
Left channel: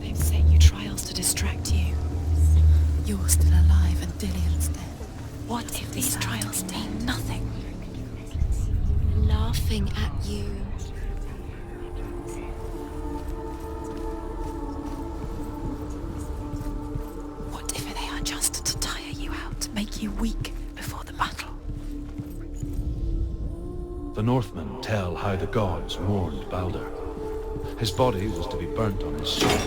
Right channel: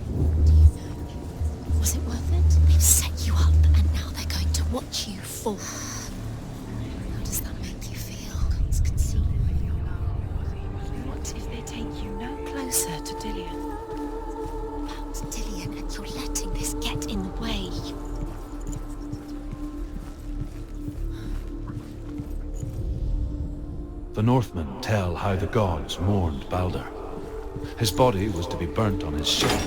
They've sent you trials to distract you. Is it worth it? You're You still are alive. How they're going to watch you for What if these trials mean How nothing? does that make you feel? Laughing at you. What if they take you no closer to Dillion? About Dillion, and you're letting this get in the way. What if they are just to tire you out, make you weak before the battle? The Northmen tell how the gods mourned Baldur. His body was to be burnt on his ship,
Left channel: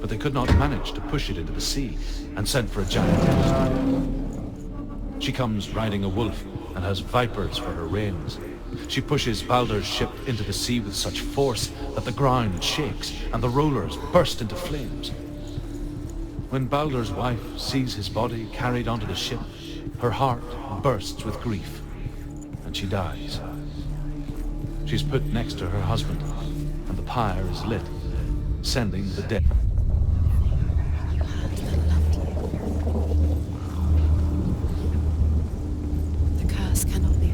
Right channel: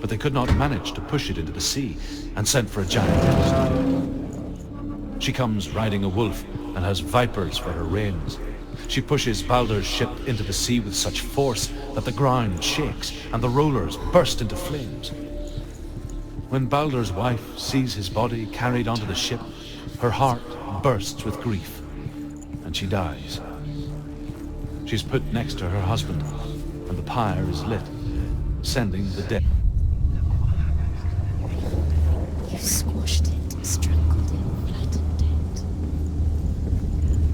but they could not manage to push it into the sea and sent for a giantess. She comes riding a wolf and has vipers for her reins. She pushes Baldur's ship into the sea with such force that the ground shakes and the rollers burst into flames. When Baldur's wife sees his body carried onto the ship, her heart bursts with grief, and she dies. She's put next to her husband, and the pyre is lit, sending the dead. You squashed it, strangled, flattened it. The curse cannot be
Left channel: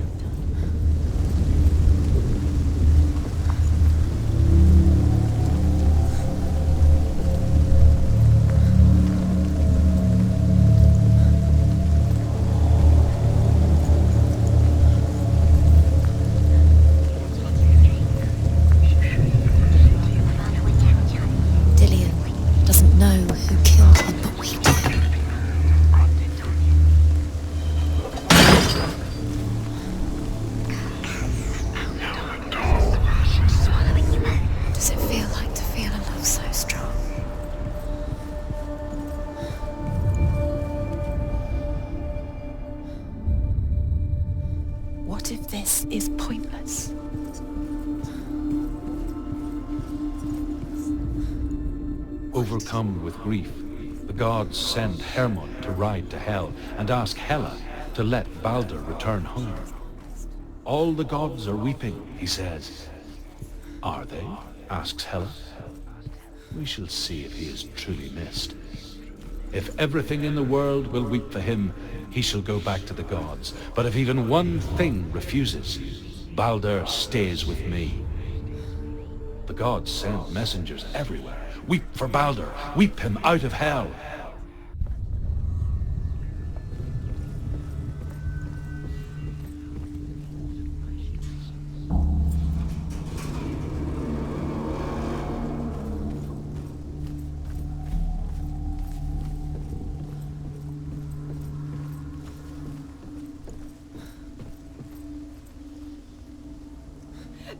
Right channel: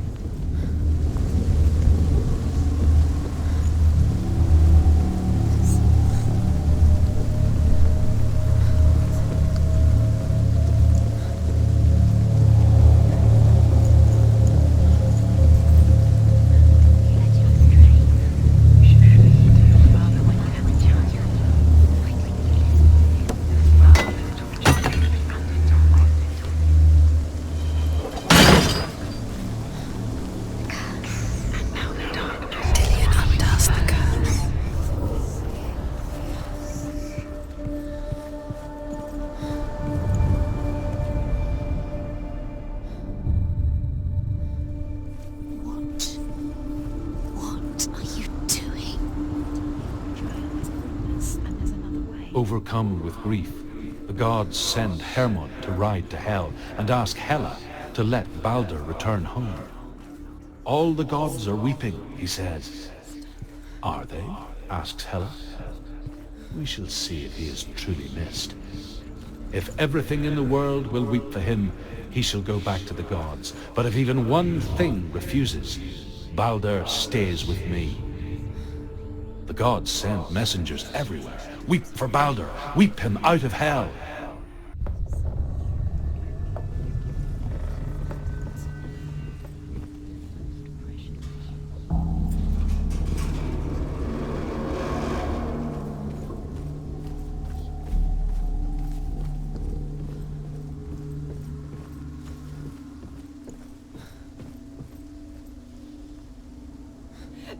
Overcome with grief, the gods send Hermod to ride to Hell and ask Hela to let Baldur return home. All the gods are weeping, he says. Are they? Asks Hela. We shall see if he is truly missed. If everything in the world will weep for him, he shall go back to the gods. But if even one thing refuses, Baldur stays with me. The gods send messengers everywhere. Weep for Baldur. Weep him out of Hell.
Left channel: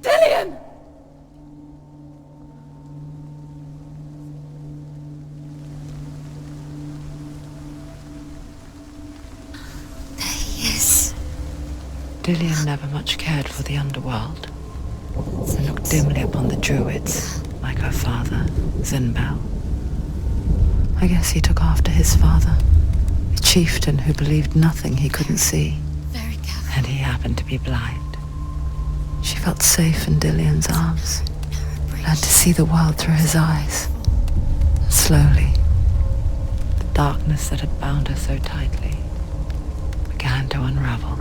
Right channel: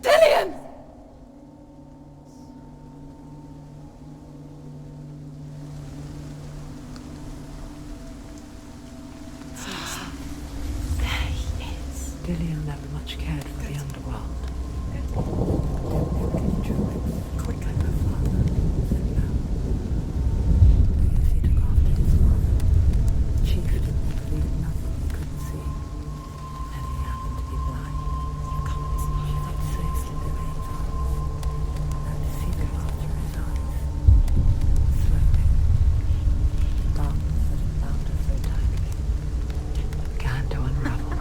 Dillion! Dillion never much cared for the underworld. Looked dimly upon the druids, like her father, Zinbel. I guess he took after his father, a chieftain who believed nothing he couldn't see. And he happened to be blind. She felt safe in Dillion's arms, learned to see the world through his eyes. Slowly, the darkness that had bound her so tightly began to unravel.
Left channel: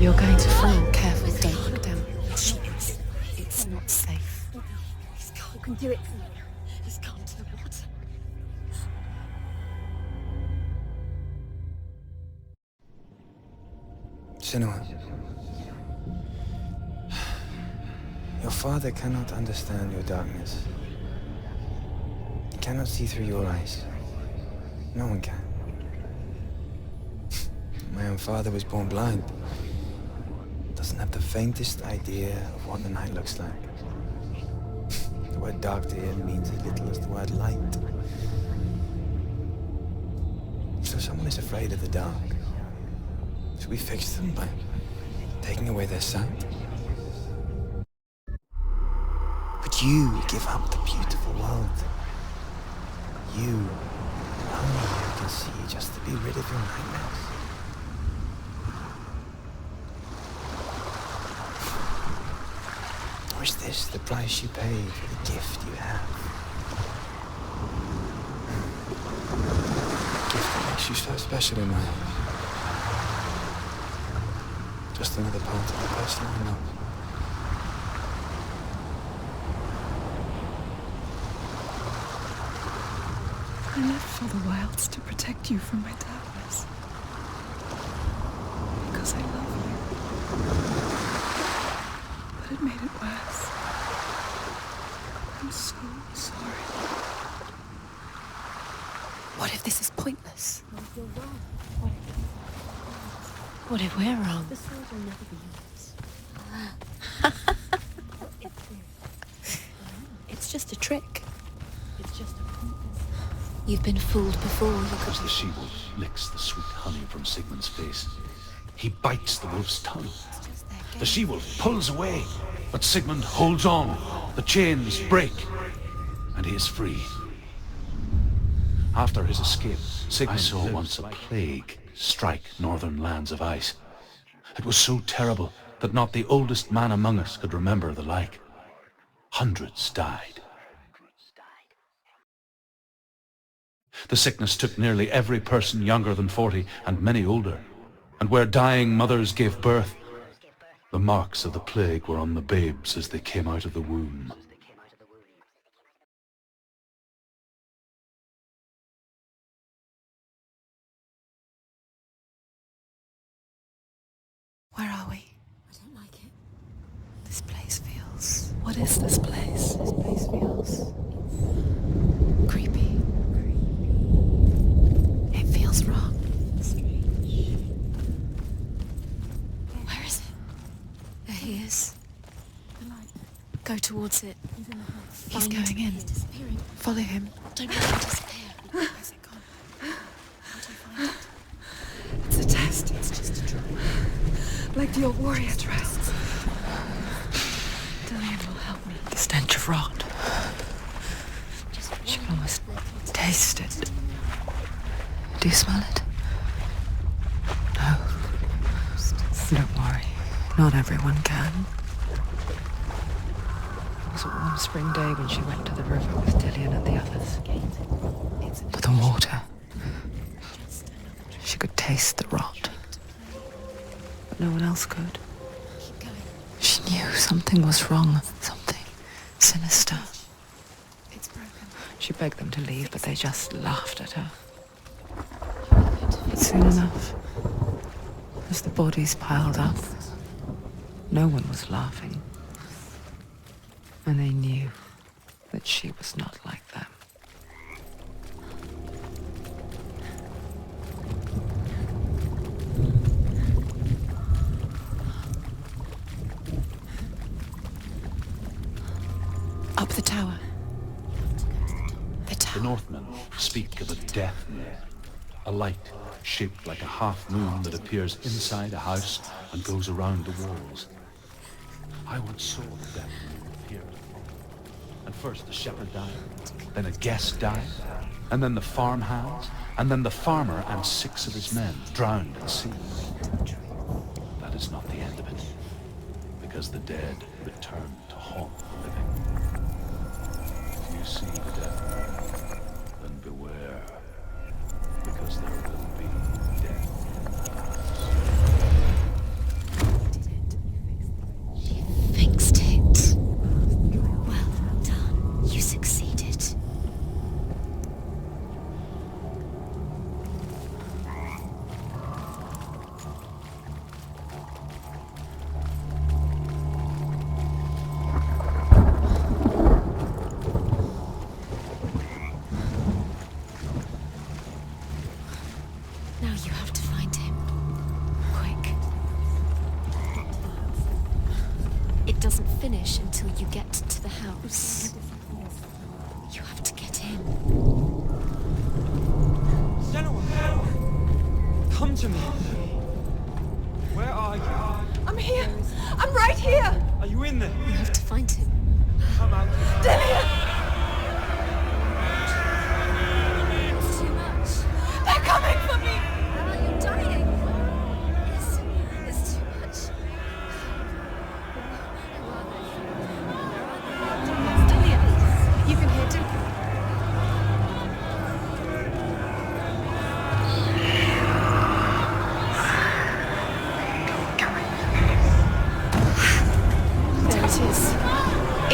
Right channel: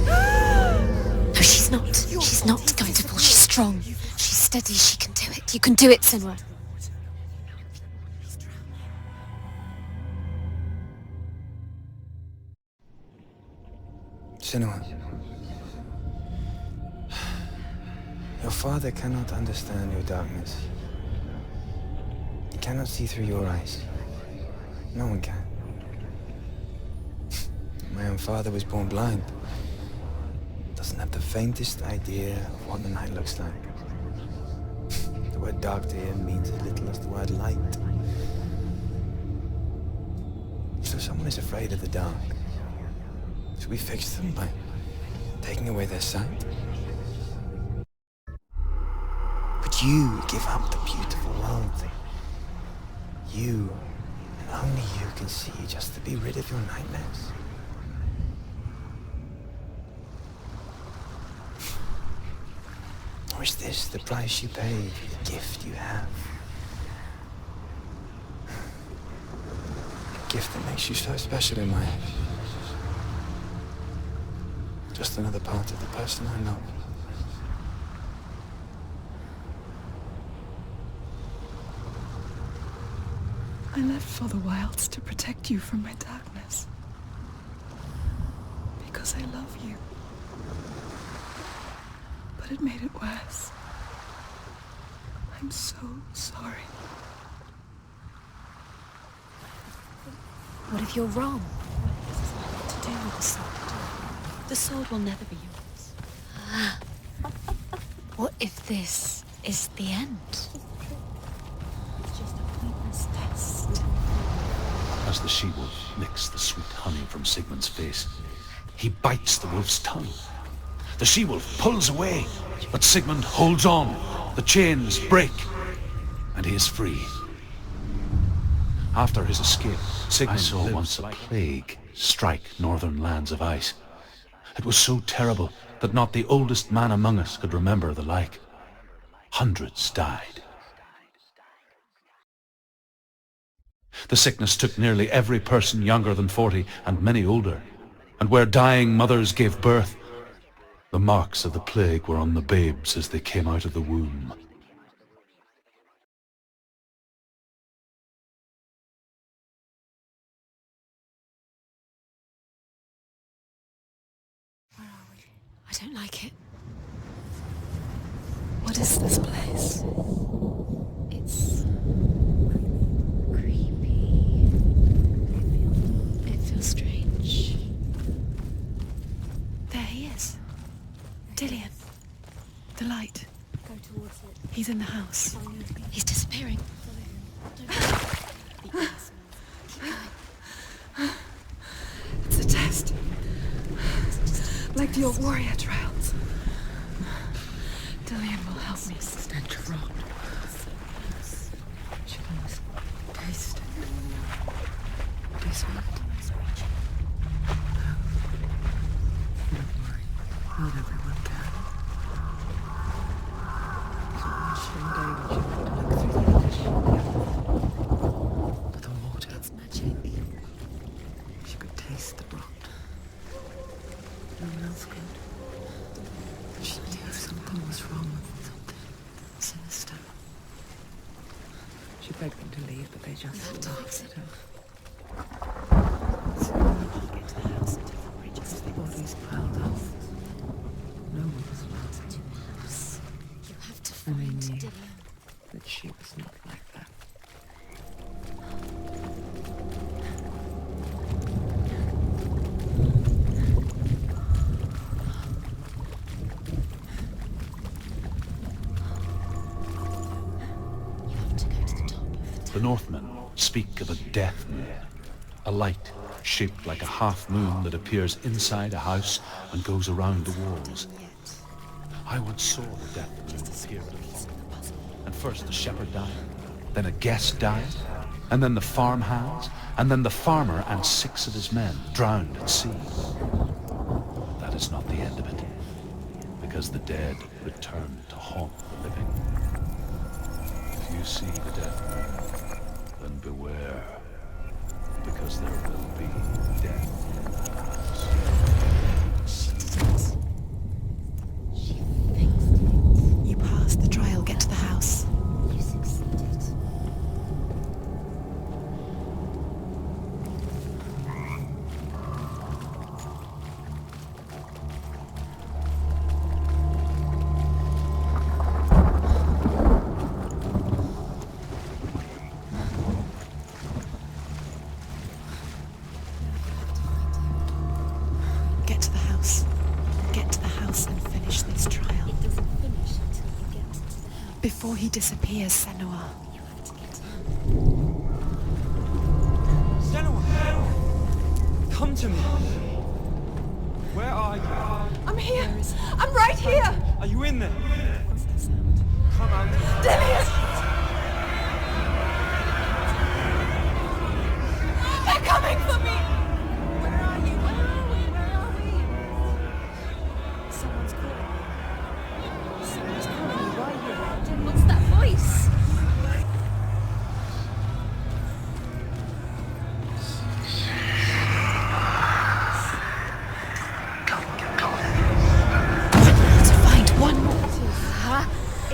You're going to fall, careful. No, she's not. She's not going to fall. She's strong. She's steady. She can do it. You can do it, Senua. Senua. Your father cannot understand your darkness. He cannot see through your eyes. No one can. My own father was born blind. Doesn't have the faintest idea of what the night looks like. The word dark to him means as little as the word light. So someone is afraid of the dark. Should we fix them by taking away their sight? Would you give up the beautiful world? You, and only you can see, just to be rid of your nightmares. Or is this the price you pay for the gift you have? A gift that makes you so special in my eyes. Just another part of the person I know. I live for the wilds to protect you from my darkness. Because I love you. But had made it worse. I'm so sorry. What if this is pointless? What if you're wrong? What if this is nothing to do with the sword? What if we're wrong? The sword will never be yours. What if this is the end? It's just a trick. It's just a pointless mess. You've been fooled before. As the she-wolf licks the sweet honey from Sigmund's face, he bites the wolf's tongue. The she-wolf pulls away, but Sigmund holds on. The chains break, and he is free. After his escape, Sigmund saw once a plague strike northern lands of ice. It was so terrible that not the oldest man among us could remember the like. Hundreds died. The sickness took nearly every person younger than 40 and many older, and where dying mothers gave birth, the marks of the plague were on the babes as they came out of the womb. Where are we? I don't like it. This place feels... What is this place? This place feels... It's... creepy. It feels wrong. It feels strange. Where is... There he is. The light. Go towards it. He's in the house. He's Find going it. in. He's disappearing. Follow him. Don't let him disappear. It's a test. It's just a trick. Like the old warrior trials. Dillian will help me. The stench of rot. She can almost taste it. Do you smell it? No. Don't worry. Not everyone can. It was a warm spring day when she went to the river with Dillian and the others. But the water. She could taste the rot. But no one else could. She knew something was wrong. Something sinister. She begged them to leave, but they just laughed at her. But soon enough, as the bodies piled up, no one was laughing. And they knew that she was not like them. Up the tower. The Northmen speak of a death moon, a light shaped like a half moon that appears inside a house and goes around the walls. I once saw the death moon appear at a farm. And first the shepherd died, then a guest died, and then the farmhands, and then the farmer and 6 of his men drowned at sea. That is not the end of it, because the dead return to haunt the living. If you see the death moon, then beware, because there will be death. Fixed it. You passed the trial. Get to the house. You succeeded. Now you have to find him. Quick, get to the house. Get to the house and finish this trial. It doesn't finish until you get to the house. Before he disappears, Senua. You have to get in. Senua! Come to me! Where are you? I'm here! I'm right here! Are you in there? You have to find him. Come out. Dillian! They're coming for me!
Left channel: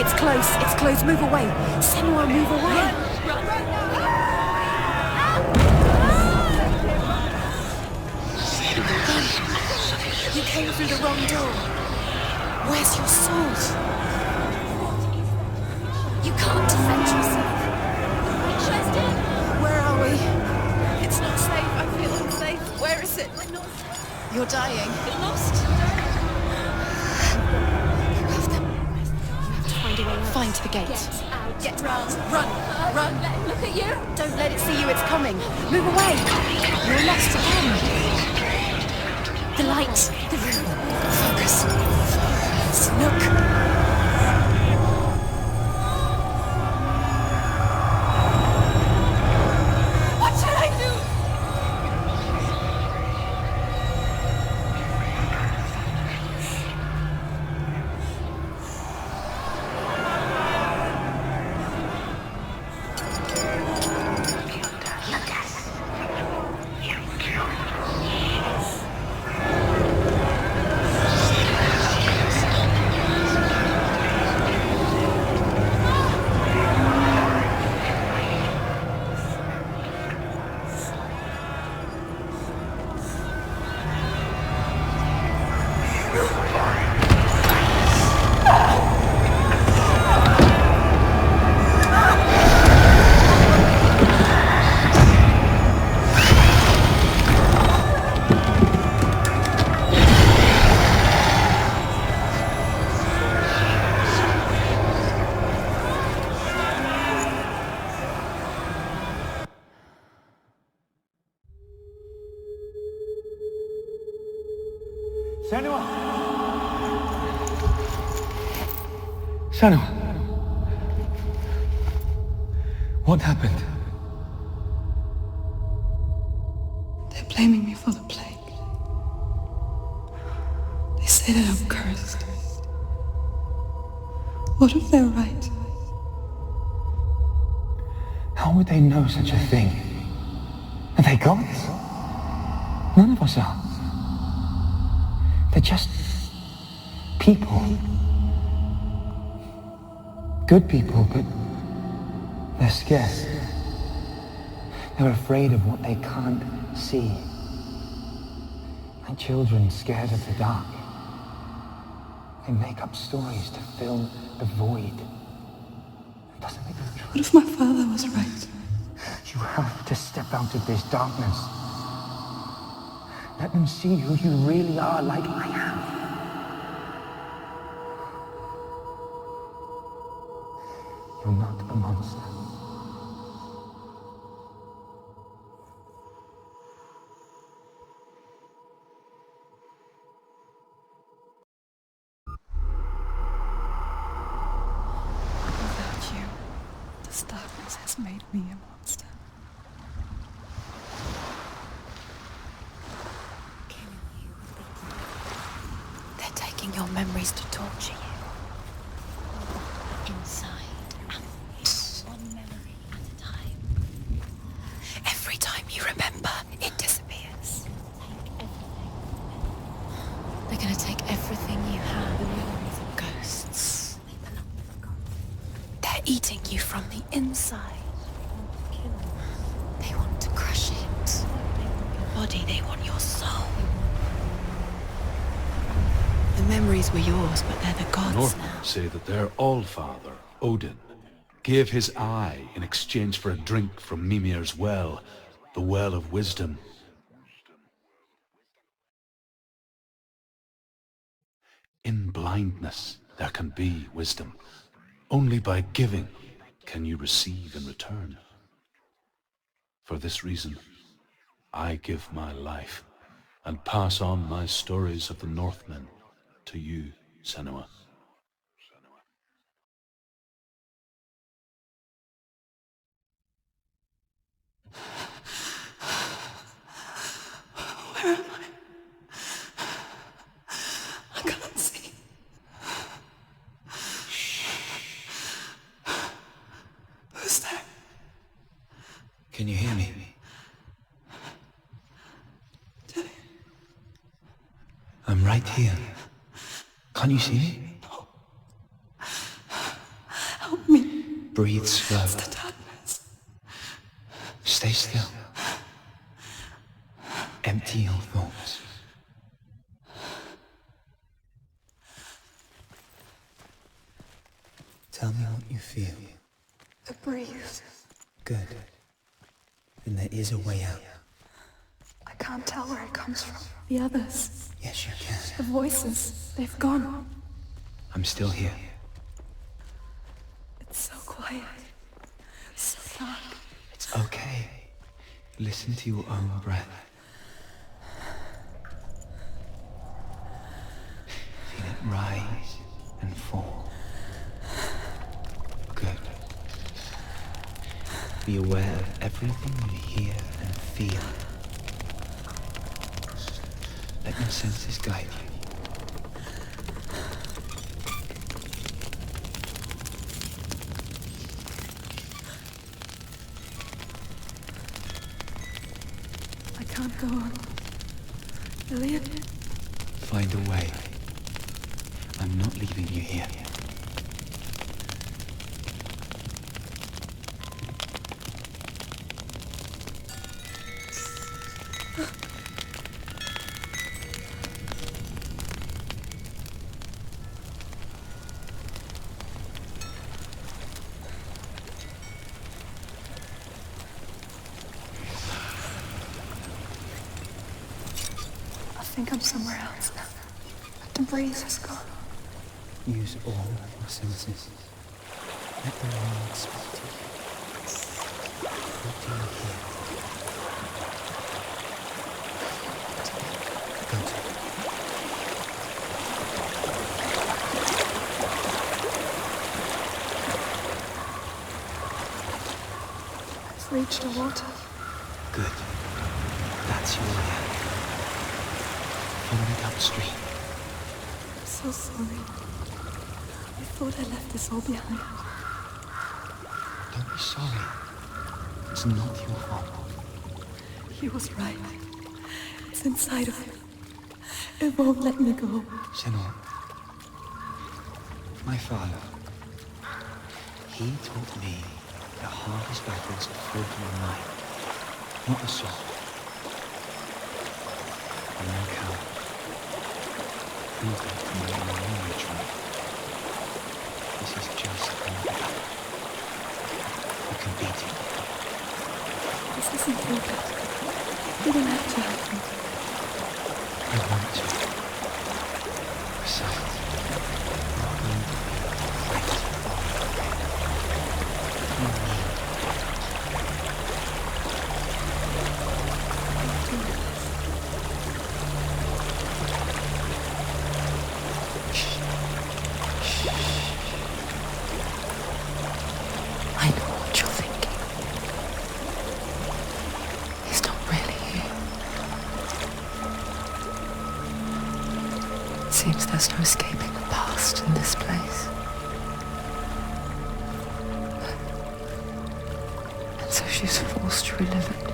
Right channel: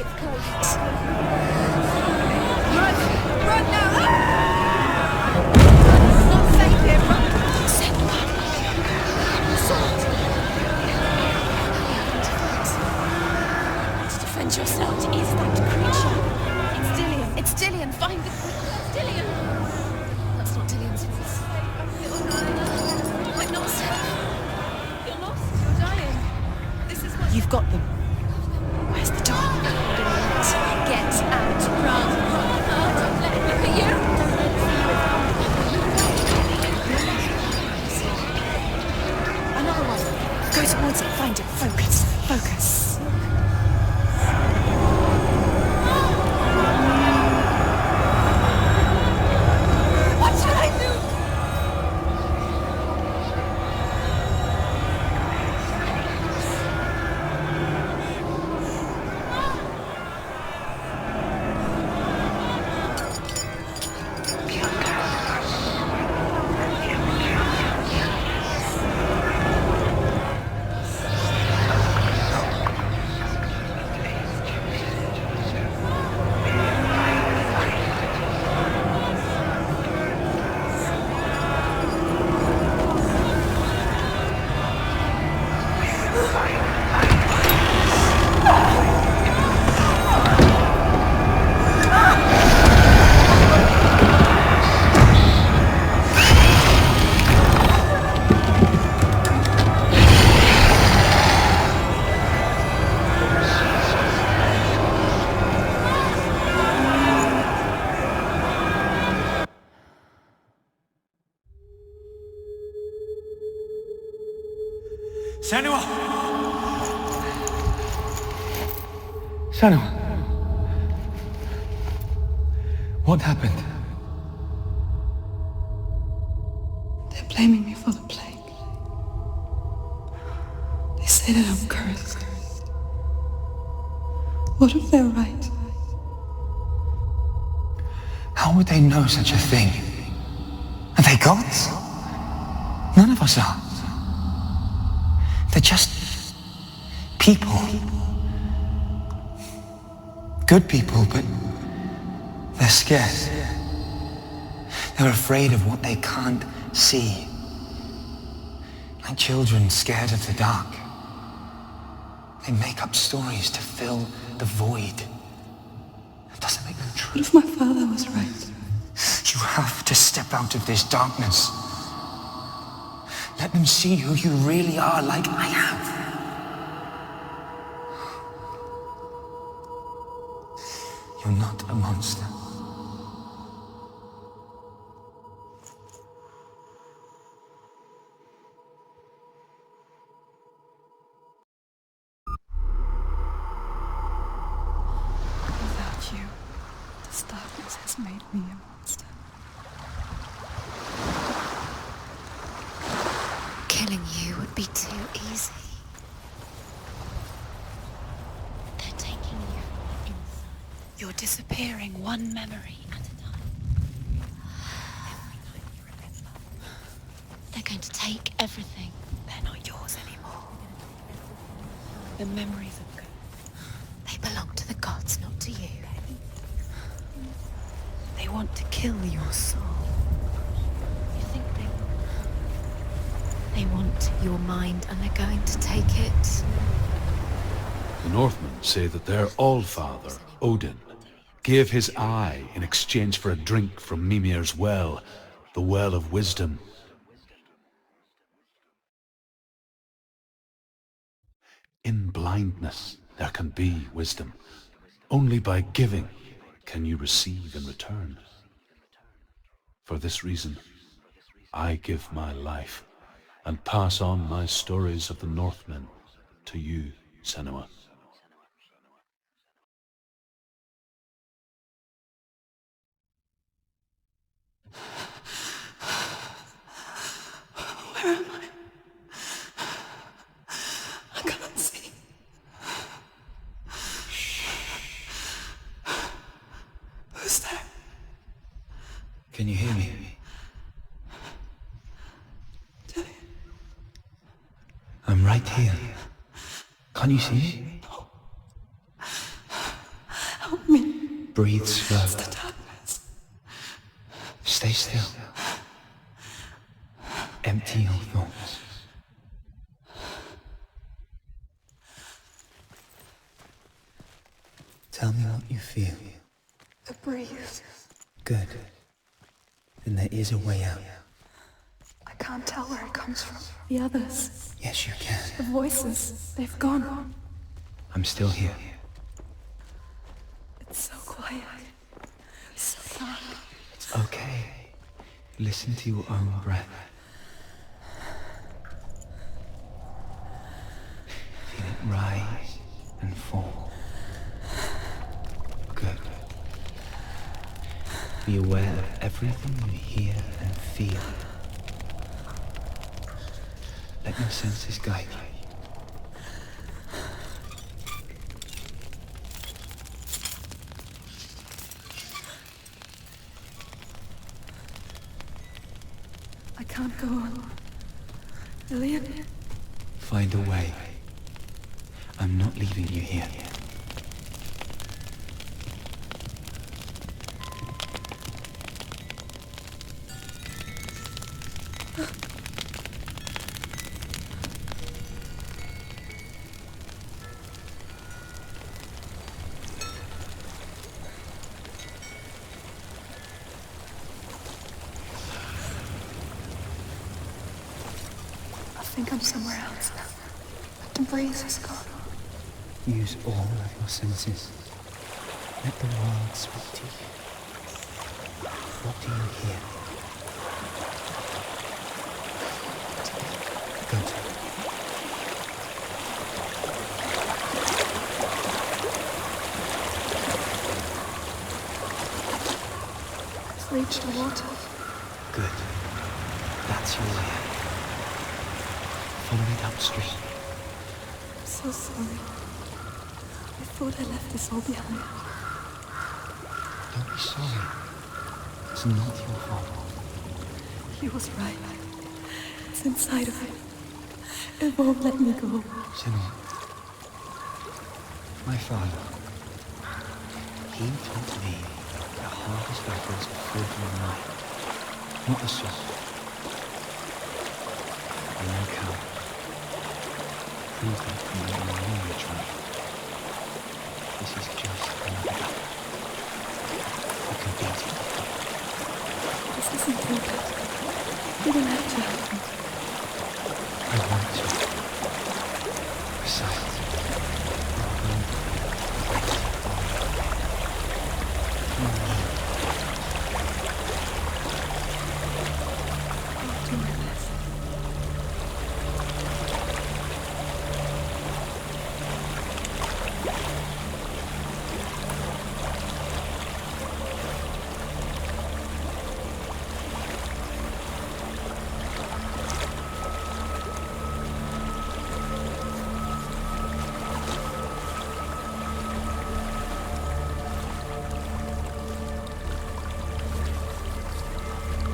It's close, move away. Senua, move away. Run now! Save him! Where's your sword? Senua! Senua! What happened? They're blaming me for the plague. They say that I'm cursed. What if they're right? How would they know such a thing? Are they gods? None of us are. They're just people. Good people, but they're scared. They're afraid of what they can't see. Like children scared of the dark. They make up stories to fill the void. That doesn't make them true. What if my father was right? You have to step out of this darkness. Let them see who you really are, like I have. You're not a monster. Without you, this darkness has made me a monster. Killing you would be too easy. They're taking your memories to torture you. They're taking you inside. You're disappearing one memory at a time. Every time you remember, it disappears. They're going to take everything. They're not yours anymore. They're going to take everything you have. The memories of ghosts. They belong to the gods, not to you. They're eating you from the inside. They want to kill your soul. They want to crush it. They want your body. They want your soul. They want your mind, and they're going to take it. The memories were yours, but they're the gods. The Northmen say that their Allfather, Odin, gave his eye in exchange for a drink from Mimir's well, the well of wisdom. In blindness, there can be wisdom. Only by giving can you receive in return. For this reason, I give my life and pass on my stories of the Northmen to you, Senua. Where am I? I can't see. Who's there? Can you hear me? Dillian. I'm right here. Can't you see me? No. Help me. Breathe slow. It's the darkness. Stay still. Empty your thoughts. Tell me what you feel. The breeze. Good. Then there is a way out. I can't tell where it comes from. The others. Yes, you can. The voices. They've gone. I'm still here. It's so quiet. So dark. It's okay. Listen to your own breath. Feel it rise and fall. Good. Be aware of everything you hear and feel. Let your senses guide you. I can't go on. Dillian? Find a way. I'm not leaving you here. I think I'm somewhere else now. But the breeze is gone. Use all of your senses. Let the world speak to you. What do you hear? Good. We've reached the water. Good. That's your way out. Follow me downstream. I'm so sorry. I thought I left this all behind. Don't be sorry. It's not your fault. He was right. It's inside of me. It won't let me go. Senua, my father, he taught me the hardest battles are fought in the mind, not the soul. I'm no coward. Please don't come in my language, right? This is just another battle. You can beat it. This isn't your battle. You don't have to help me. I want to. Besides, seems there's no escaping the past in this place. And so she's forced to relive it.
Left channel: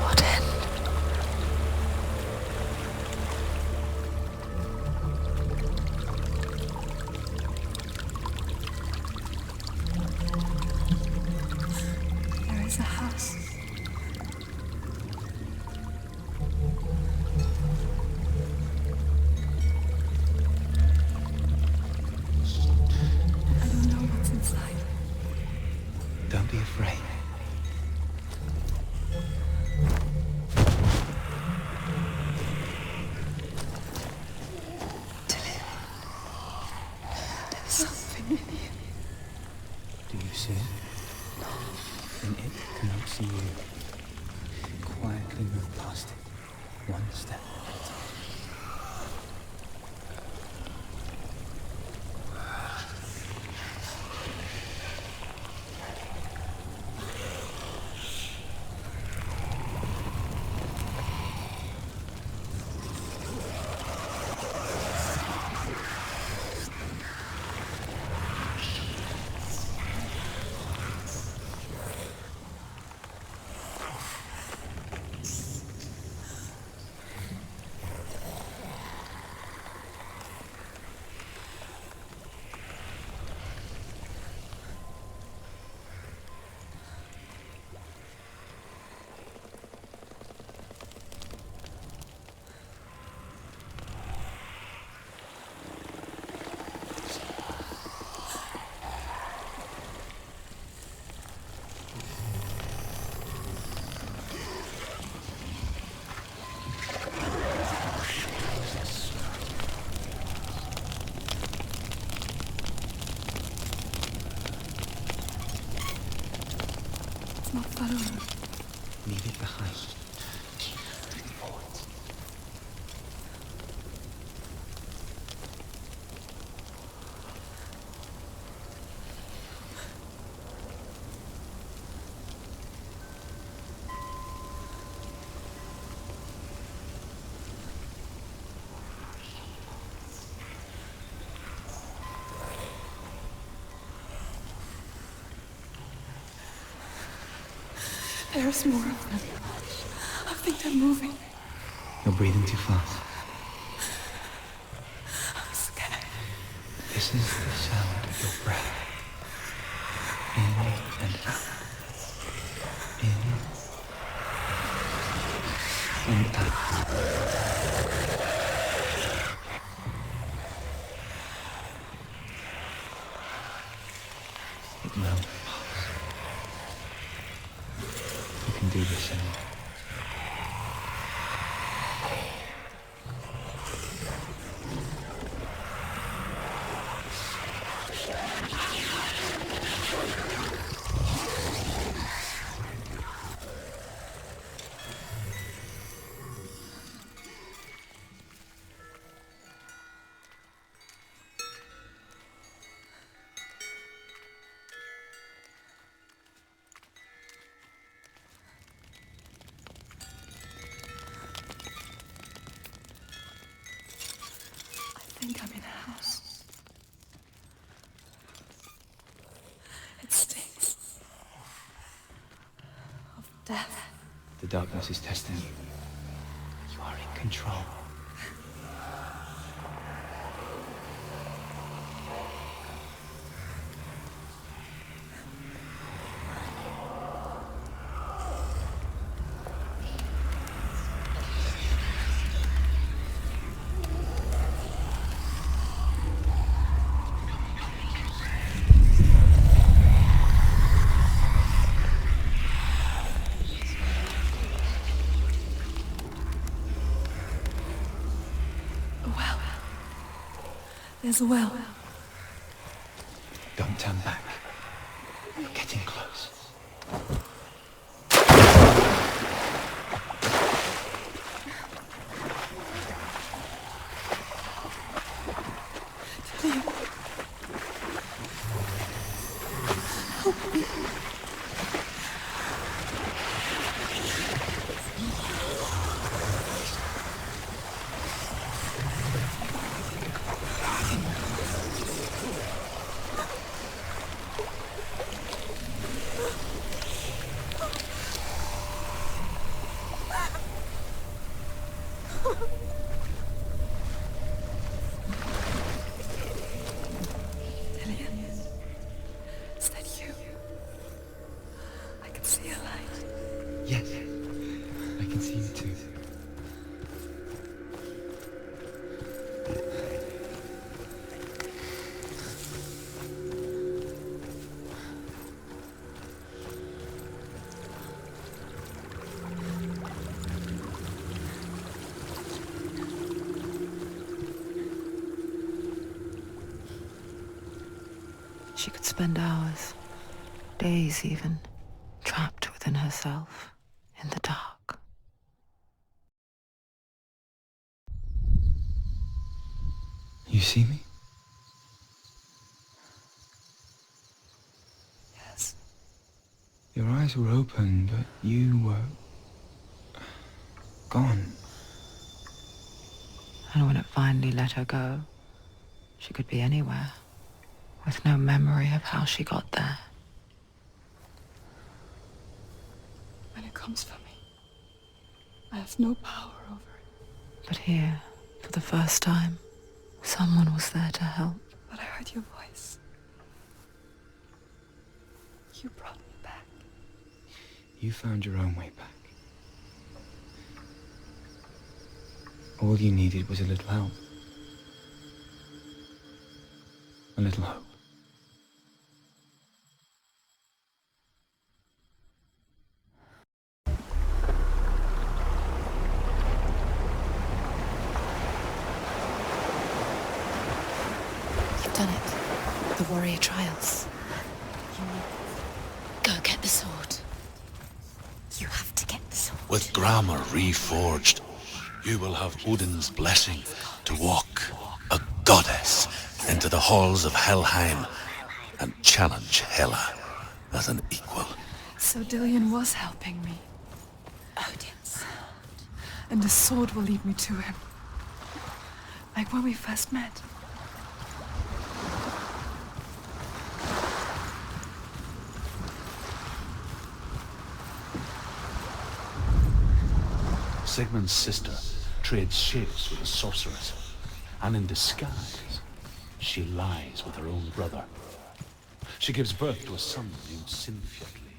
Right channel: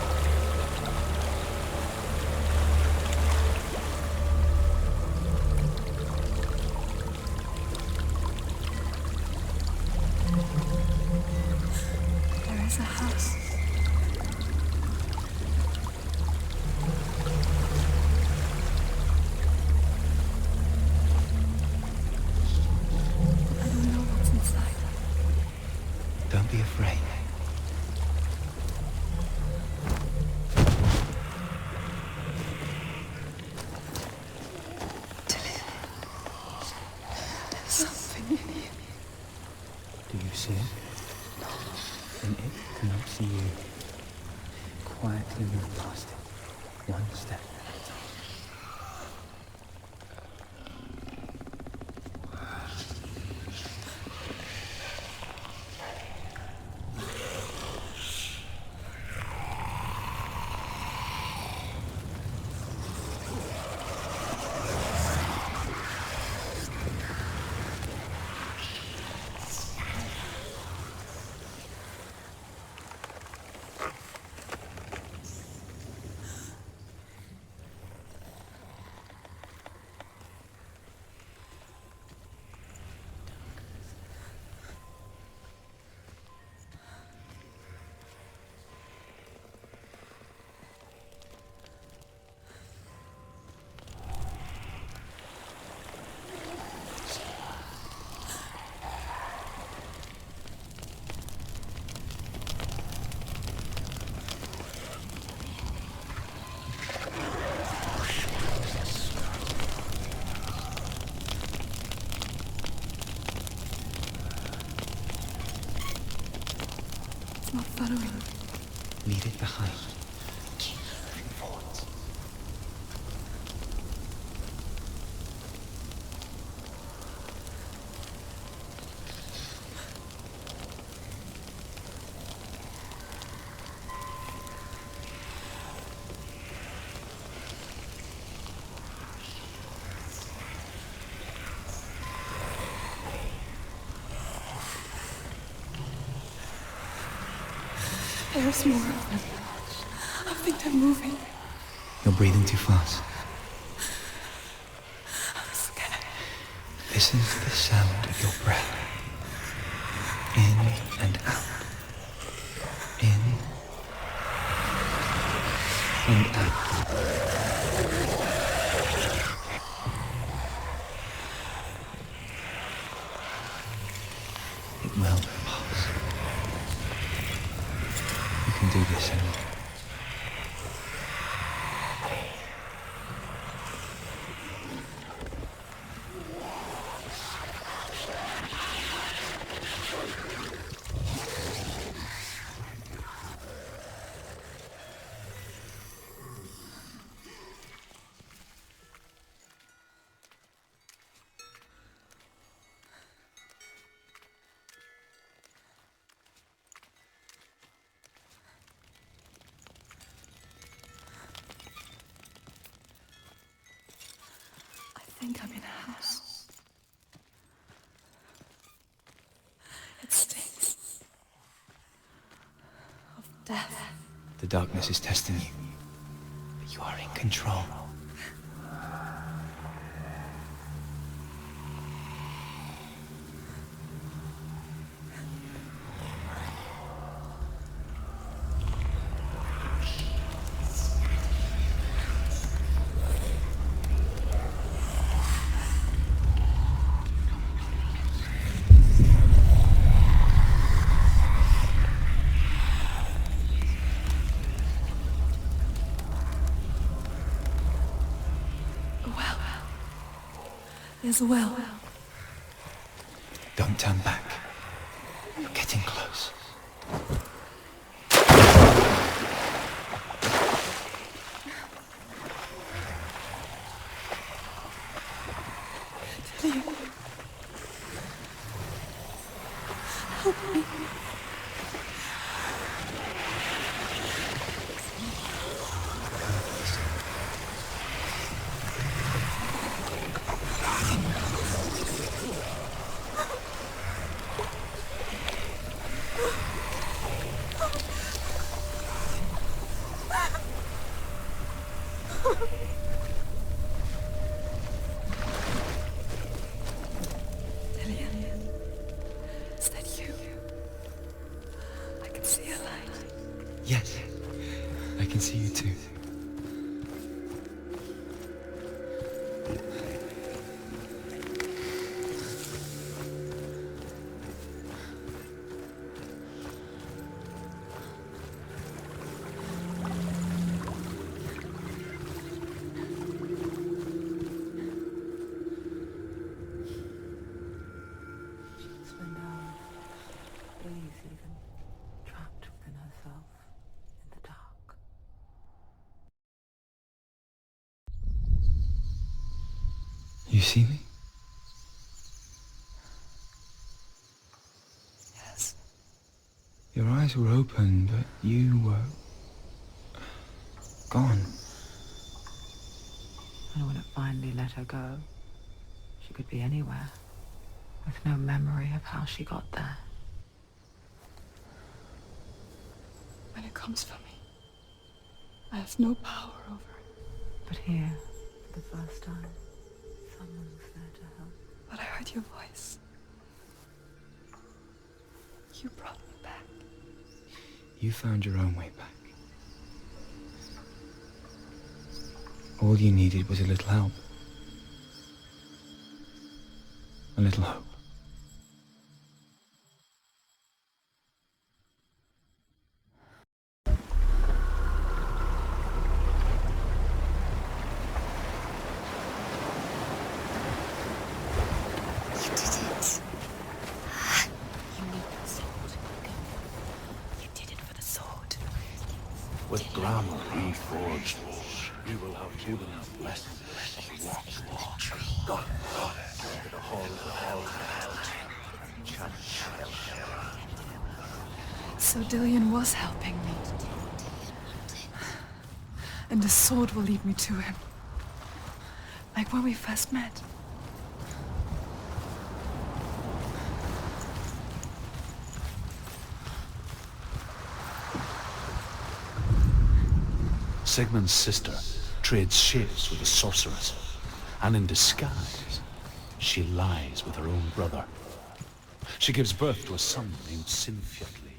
What end? There is a house. I don't know what's inside. don't be afraid. There's something in here. Do you see it? No. Then it cannot see you. Quietly move past it. One step. It's not following me. Leave it behind. Keep moving forwards. There's more of them. I think they're moving. You're breathing too fast. I'm scared. Listen to the sound of your breath. In and out. In and out. It will pass. You can do this, Senua. The darkness is testing you. You are in control. A well. There's a well. Don't turn back. You're getting close. Dillian. Help me. Dillian, is that you? I can see a light. Yes, I can see you too. She could spend hours, days even, trapped within herself, in the dark. You see me? Yes. Your eyes were open, but you were gone. And when it finally let her go, she could be anywhere, with no memory of how she got there. When it comes for me, I have no power over it. But here, for the first time, someone was there to help. But I heard your voice. You brought me back. You found your own way back. All you needed was a little help. A little hope. You've done it. The warrior trials. You need this. Go get the sword. You did it for the sword. You have to get the sword. With grammar reforged, you will have Odin's blessing to walk, a goddess, into the halls of Helheim and challenge Hela as an equal. So Dillian was helping me. And the sword will lead me to him. Like when we first met. Sigmund's sister trades shapes with a sorceress, and in disguise, she lies with her own brother. She gives birth to a son named Sinfjotli.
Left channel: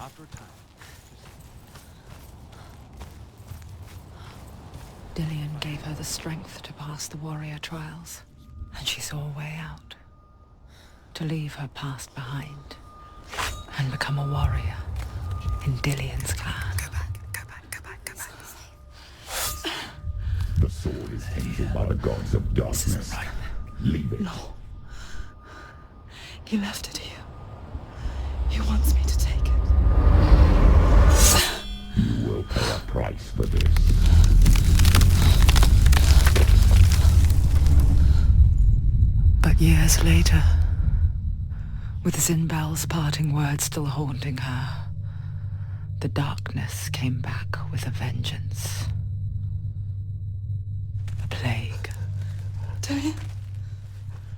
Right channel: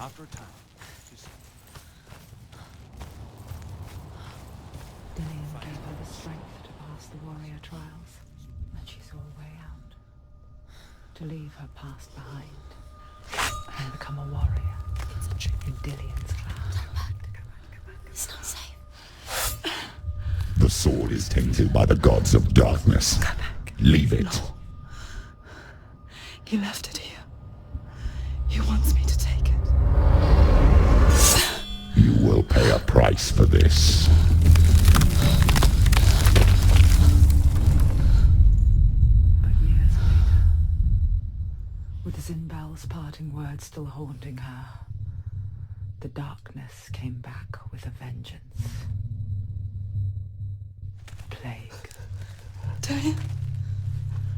After a time, Dillian gave her the strength to pass the warrior trials, and she saw a way out. To leave her past behind, and become a warrior in Dillian's clan. Go back. It's not safe. The sword is tainted by the gods of darkness. Leave it. No. He left it here. He wants me to take it. You will pay a price for this. But years later, with Zinbel's parting words still haunting her, the darkness came back with a vengeance. A plague. Dillian?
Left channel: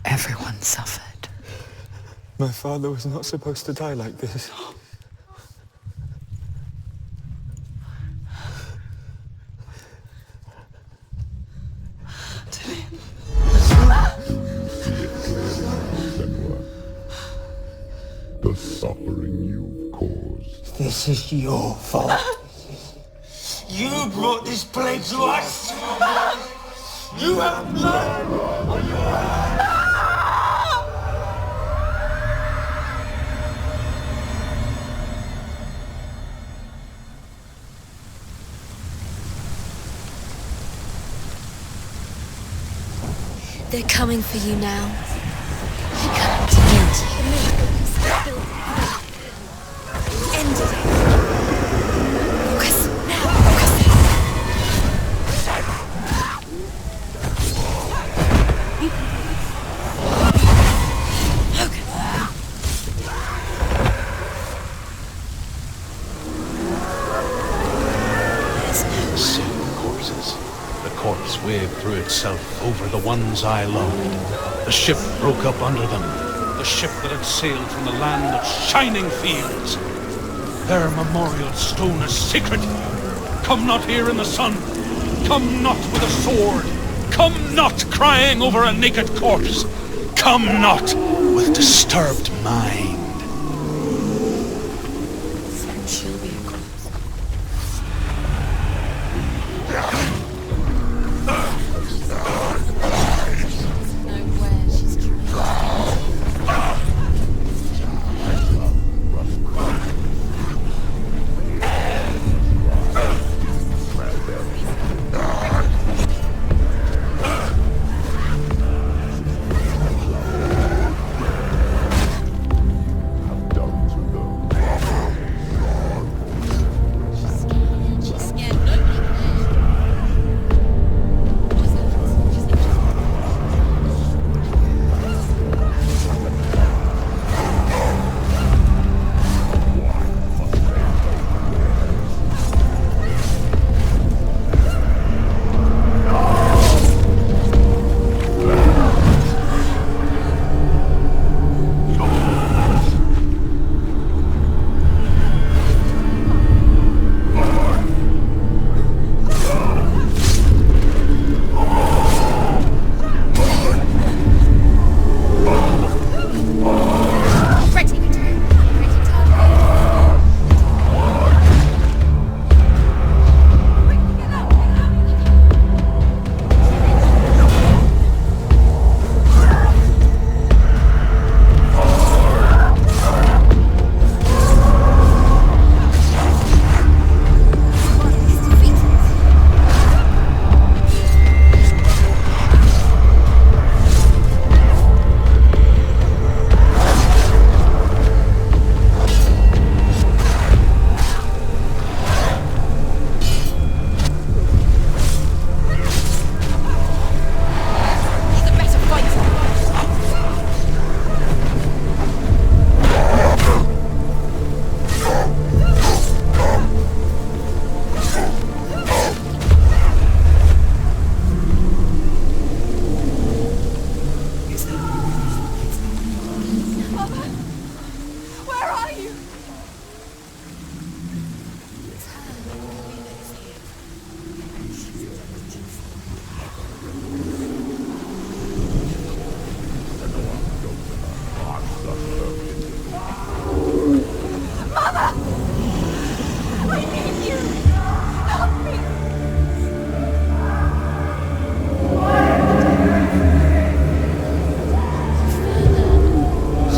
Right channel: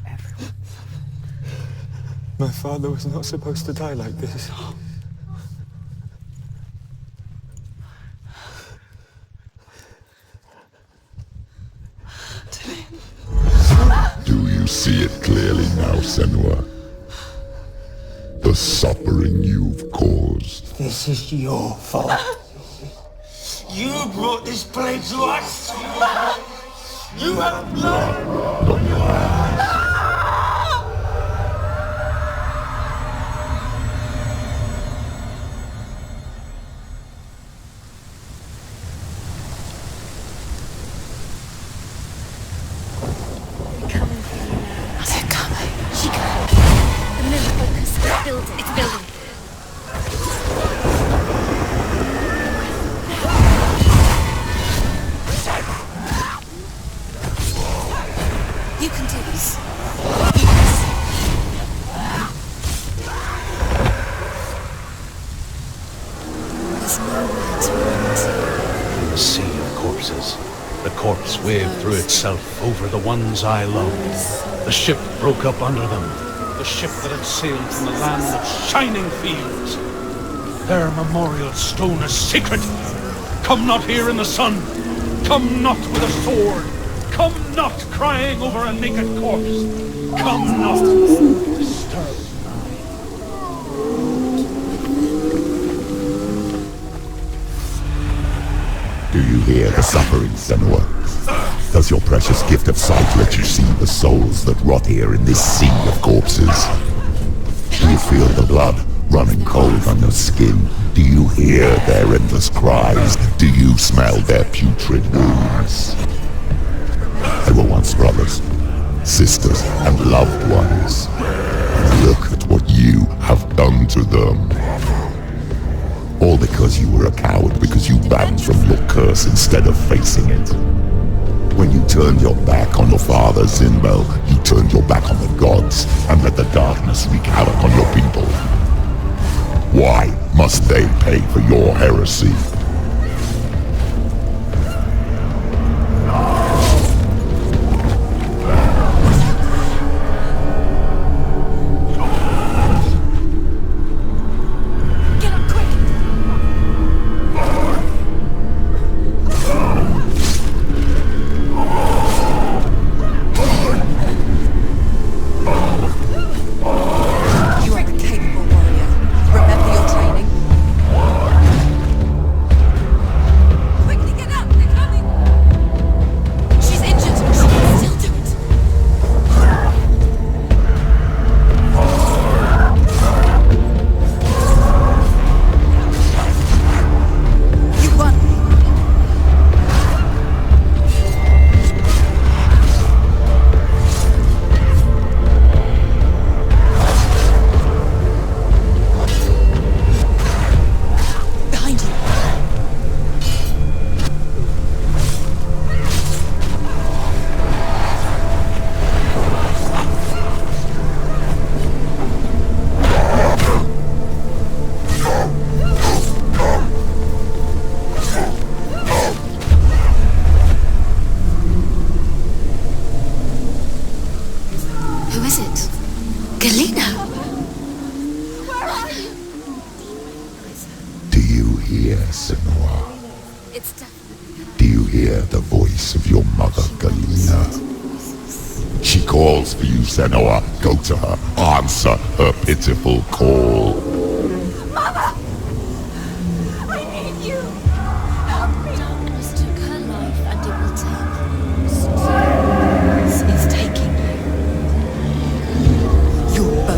Everyone suffered. My father was not supposed to die like this. it clearly now, Senua. The suffering you've caused. This is your fault. You brought this plague to us. You have blood on your hands. They're coming for you now. They're coming. She can't. The miracle has fulfilled its villain. Press now. You can do this. The sea of corpses. The corpse waved through itself over the ones I loved. The ship broke up under them. The ship that had sailed from the land of shining fields. Their memorial stone is sacred. Come not here in the sun. Come not with a sword. Come not crying over a naked corpse. Come not with disturbed mind. Do you hear the suffering, Senua? Does your precious gift of sight let you see the souls that rot here in this sea of corpses? Do you feel the blood running cold on your skin? Do you hear their endless cries? Do you smell their putrid wounds? They were once brothers, sisters, and loved ones. Look at what you have done to them. All because you were a coward, because you ransomed your curse instead of facing it. When you turned your back on your father, Zinbel, you turned your back on the gods and let the darkness wreak havoc on your people. Why must they pay for your heresy? Do you hear the voice of your mother, Galina? She calls for you, Senua. Go to her. Answer her pitiful call. Mother! I need you! Help me! It's taking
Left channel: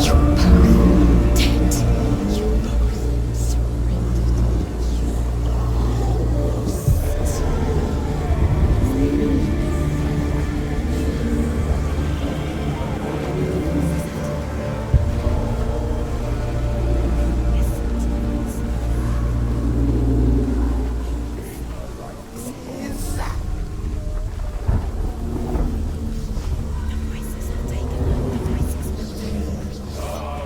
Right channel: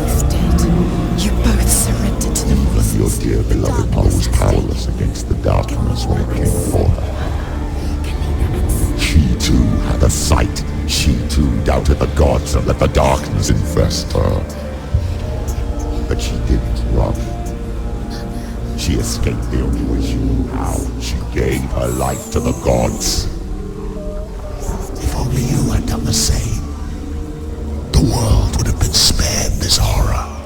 You're dead. You both surrendered to me. Your dear beloved mother was powerless against the darkness when it came for her. She too had a sight. She too doubted the gods and let the darkness infest her. But she didn't run. She escaped the only way she knew how. She gave her life to the gods. If only you had done the same, the world would have been spared this horror.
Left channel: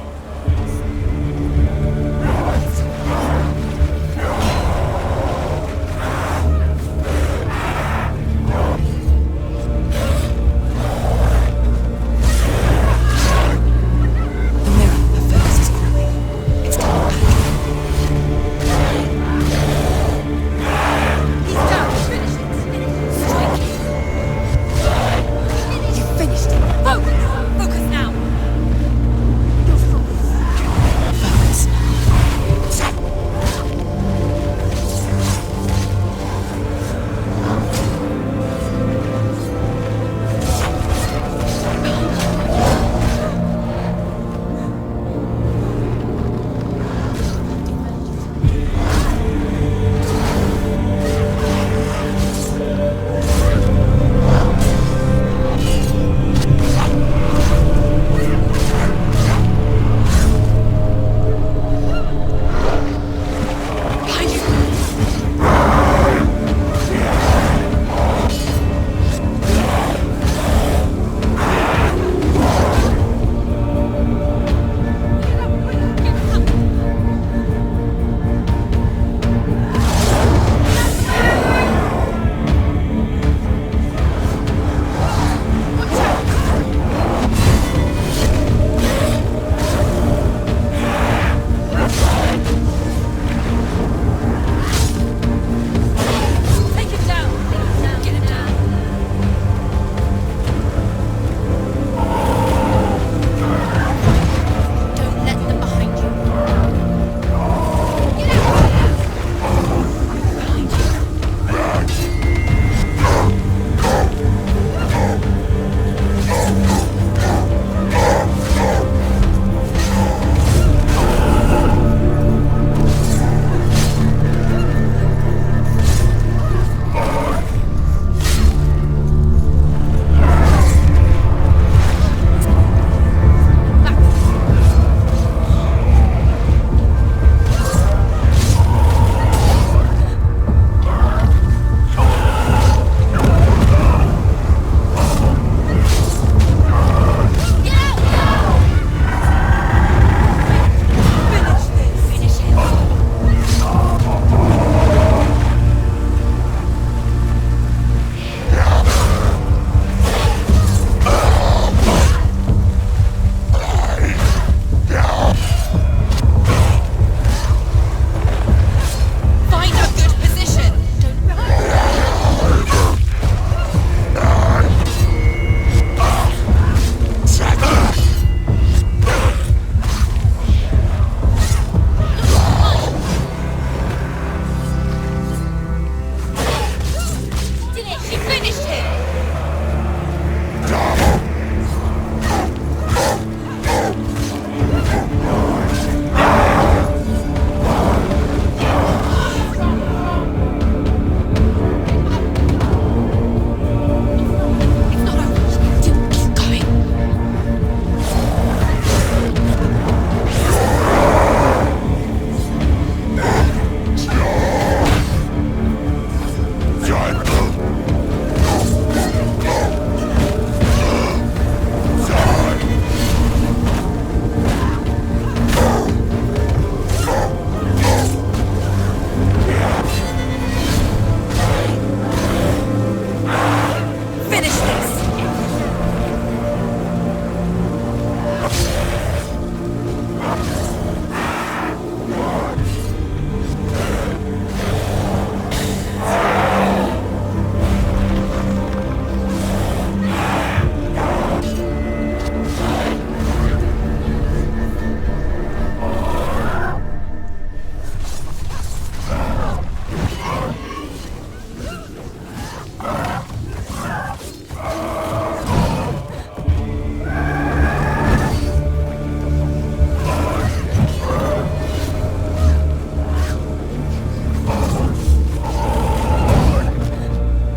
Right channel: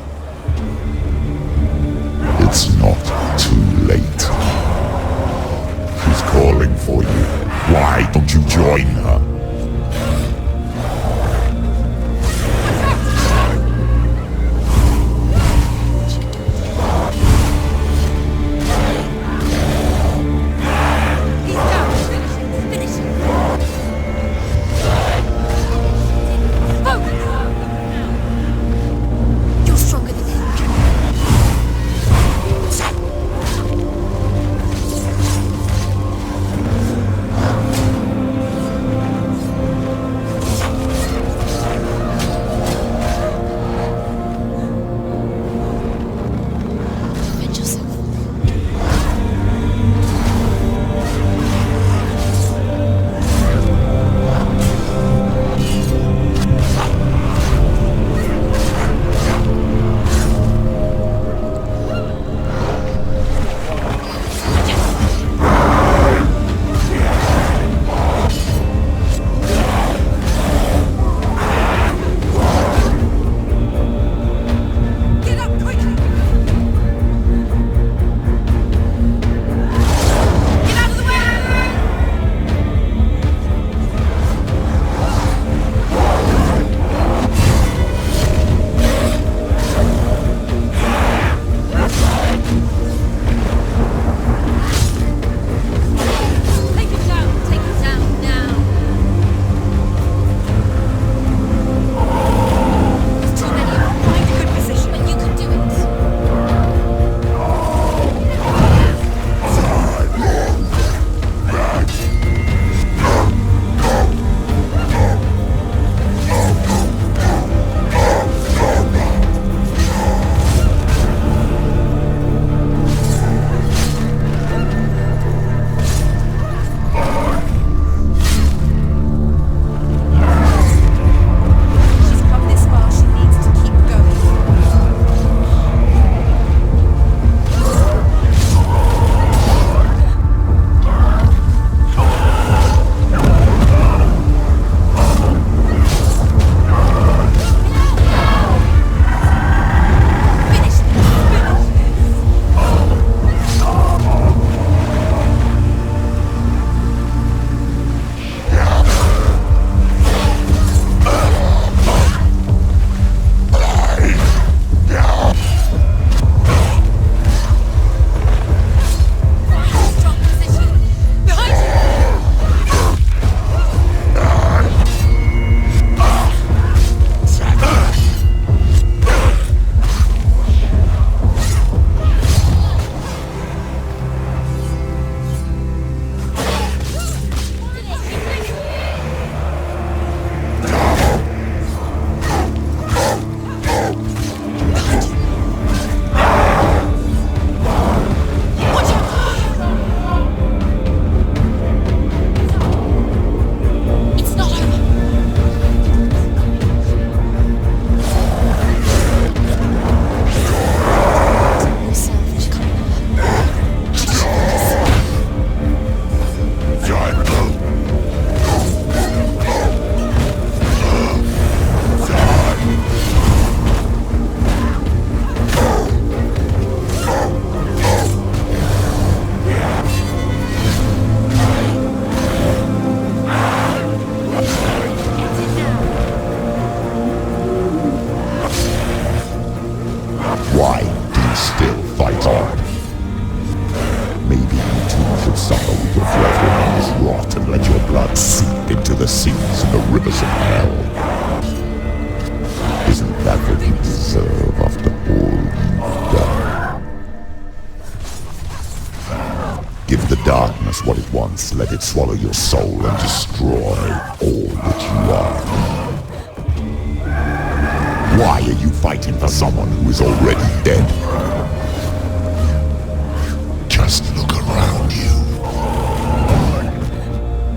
It's not too late. She's calling for you. Why don't you join her? Focus! once, let it swallow your soul and destroy all that you are. Why are you fighting for someone who is already dead? Just look around you.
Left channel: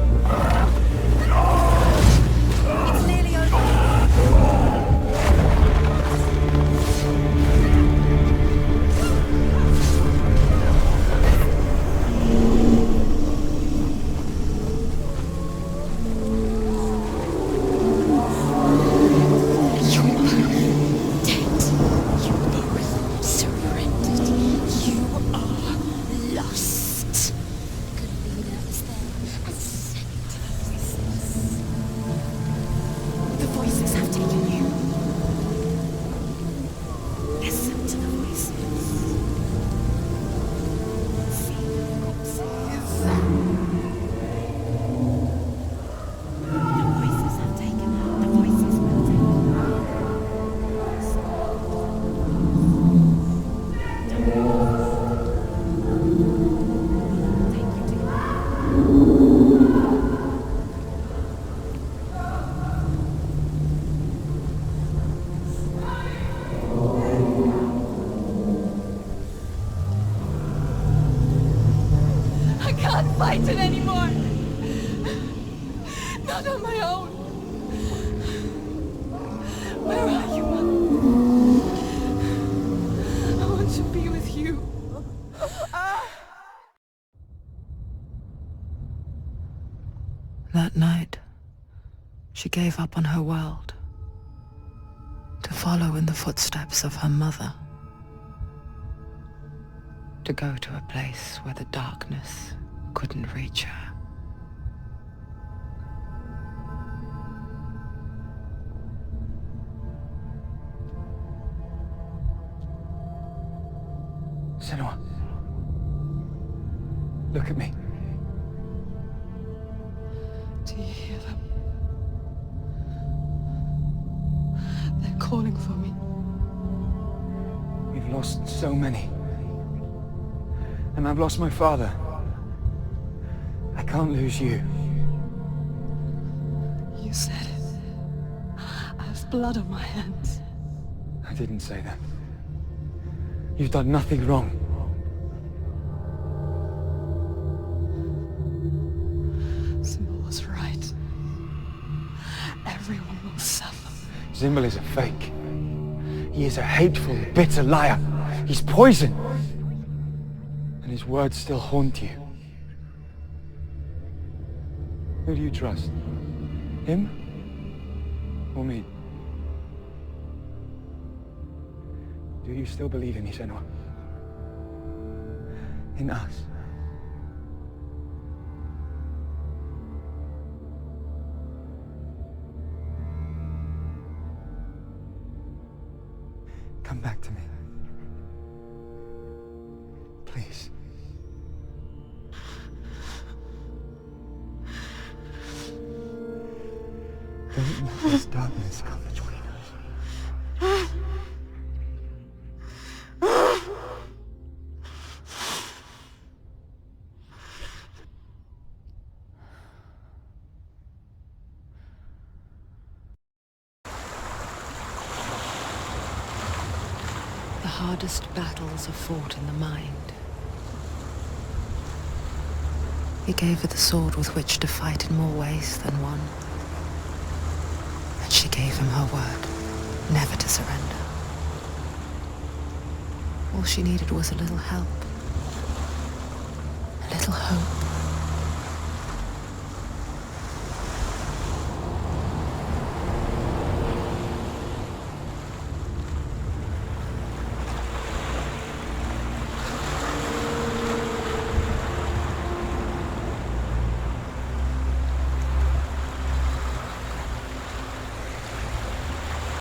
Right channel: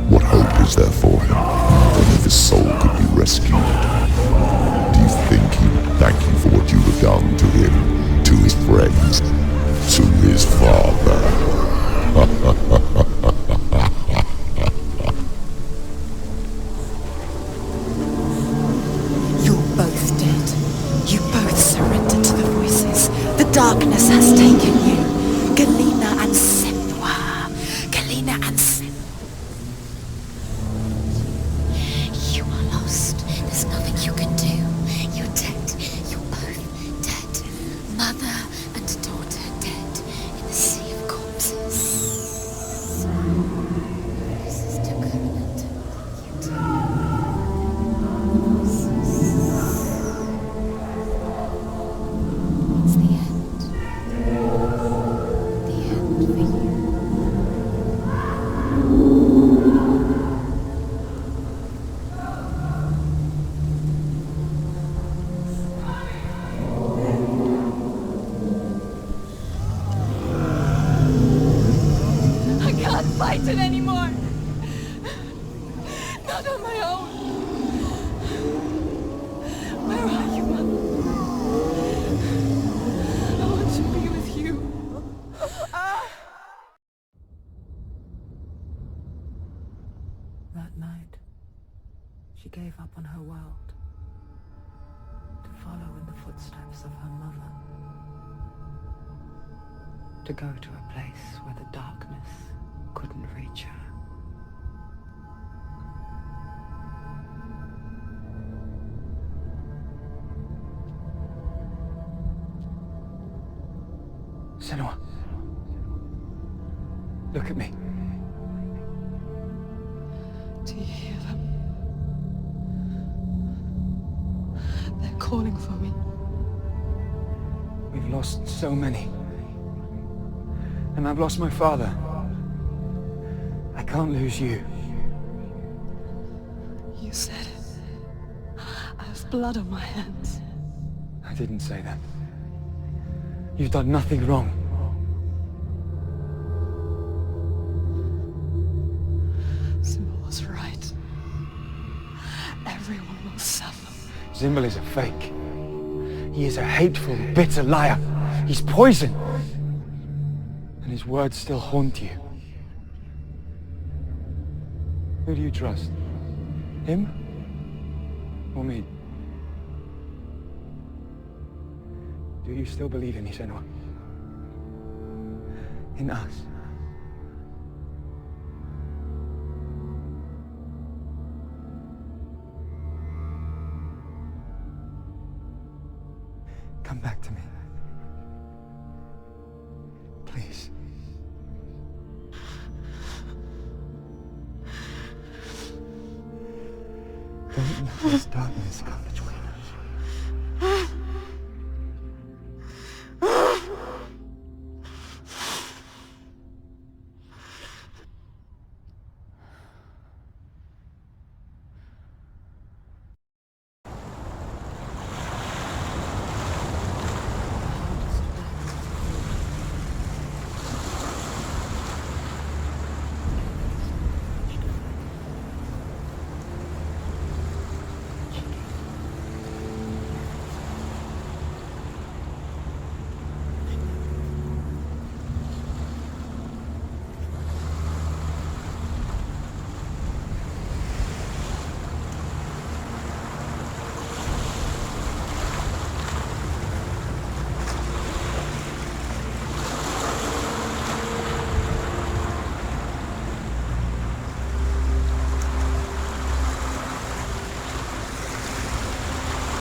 What hope is there for him? Only the soul could be rescued. Do you think he would thank you for what you have done to him, to his friends, to his father? You're both dead. You both surrendered to the voices. The darkness has taken you. Galena and Senua. Galena and Senua. You are lost. There's nothing you can do. You're dead. You're both dead. Mother and daughter dead in the sea of corpses. I can't fight it anymore. Not on my own. Where are you, Mom? I want to be with you. That night, she gave up on her world to follow in the footsteps of her mother, to go to a place where the darkness couldn't reach her. Senua. Look at me. Do you hear them? They're calling for me. We've lost so many. And I've lost my father. I can't lose you. You said it. I have blood on my hands. I didn't say that. You've done nothing wrong. Symbol was right. Everyone will suffer. Zimbel is a fake. He is a hateful, bitter liar. He's poison. And his words still haunt you. Who do you trust? Him? Or me? Do you still believe in me, Senua? In us? Come back to me. Please. Don't let this darkness come between us. The hardest battles are fought in the mind. He gave her the sword with which to fight in more ways than one. And she gave him her word, never to surrender. All she needed was a little help.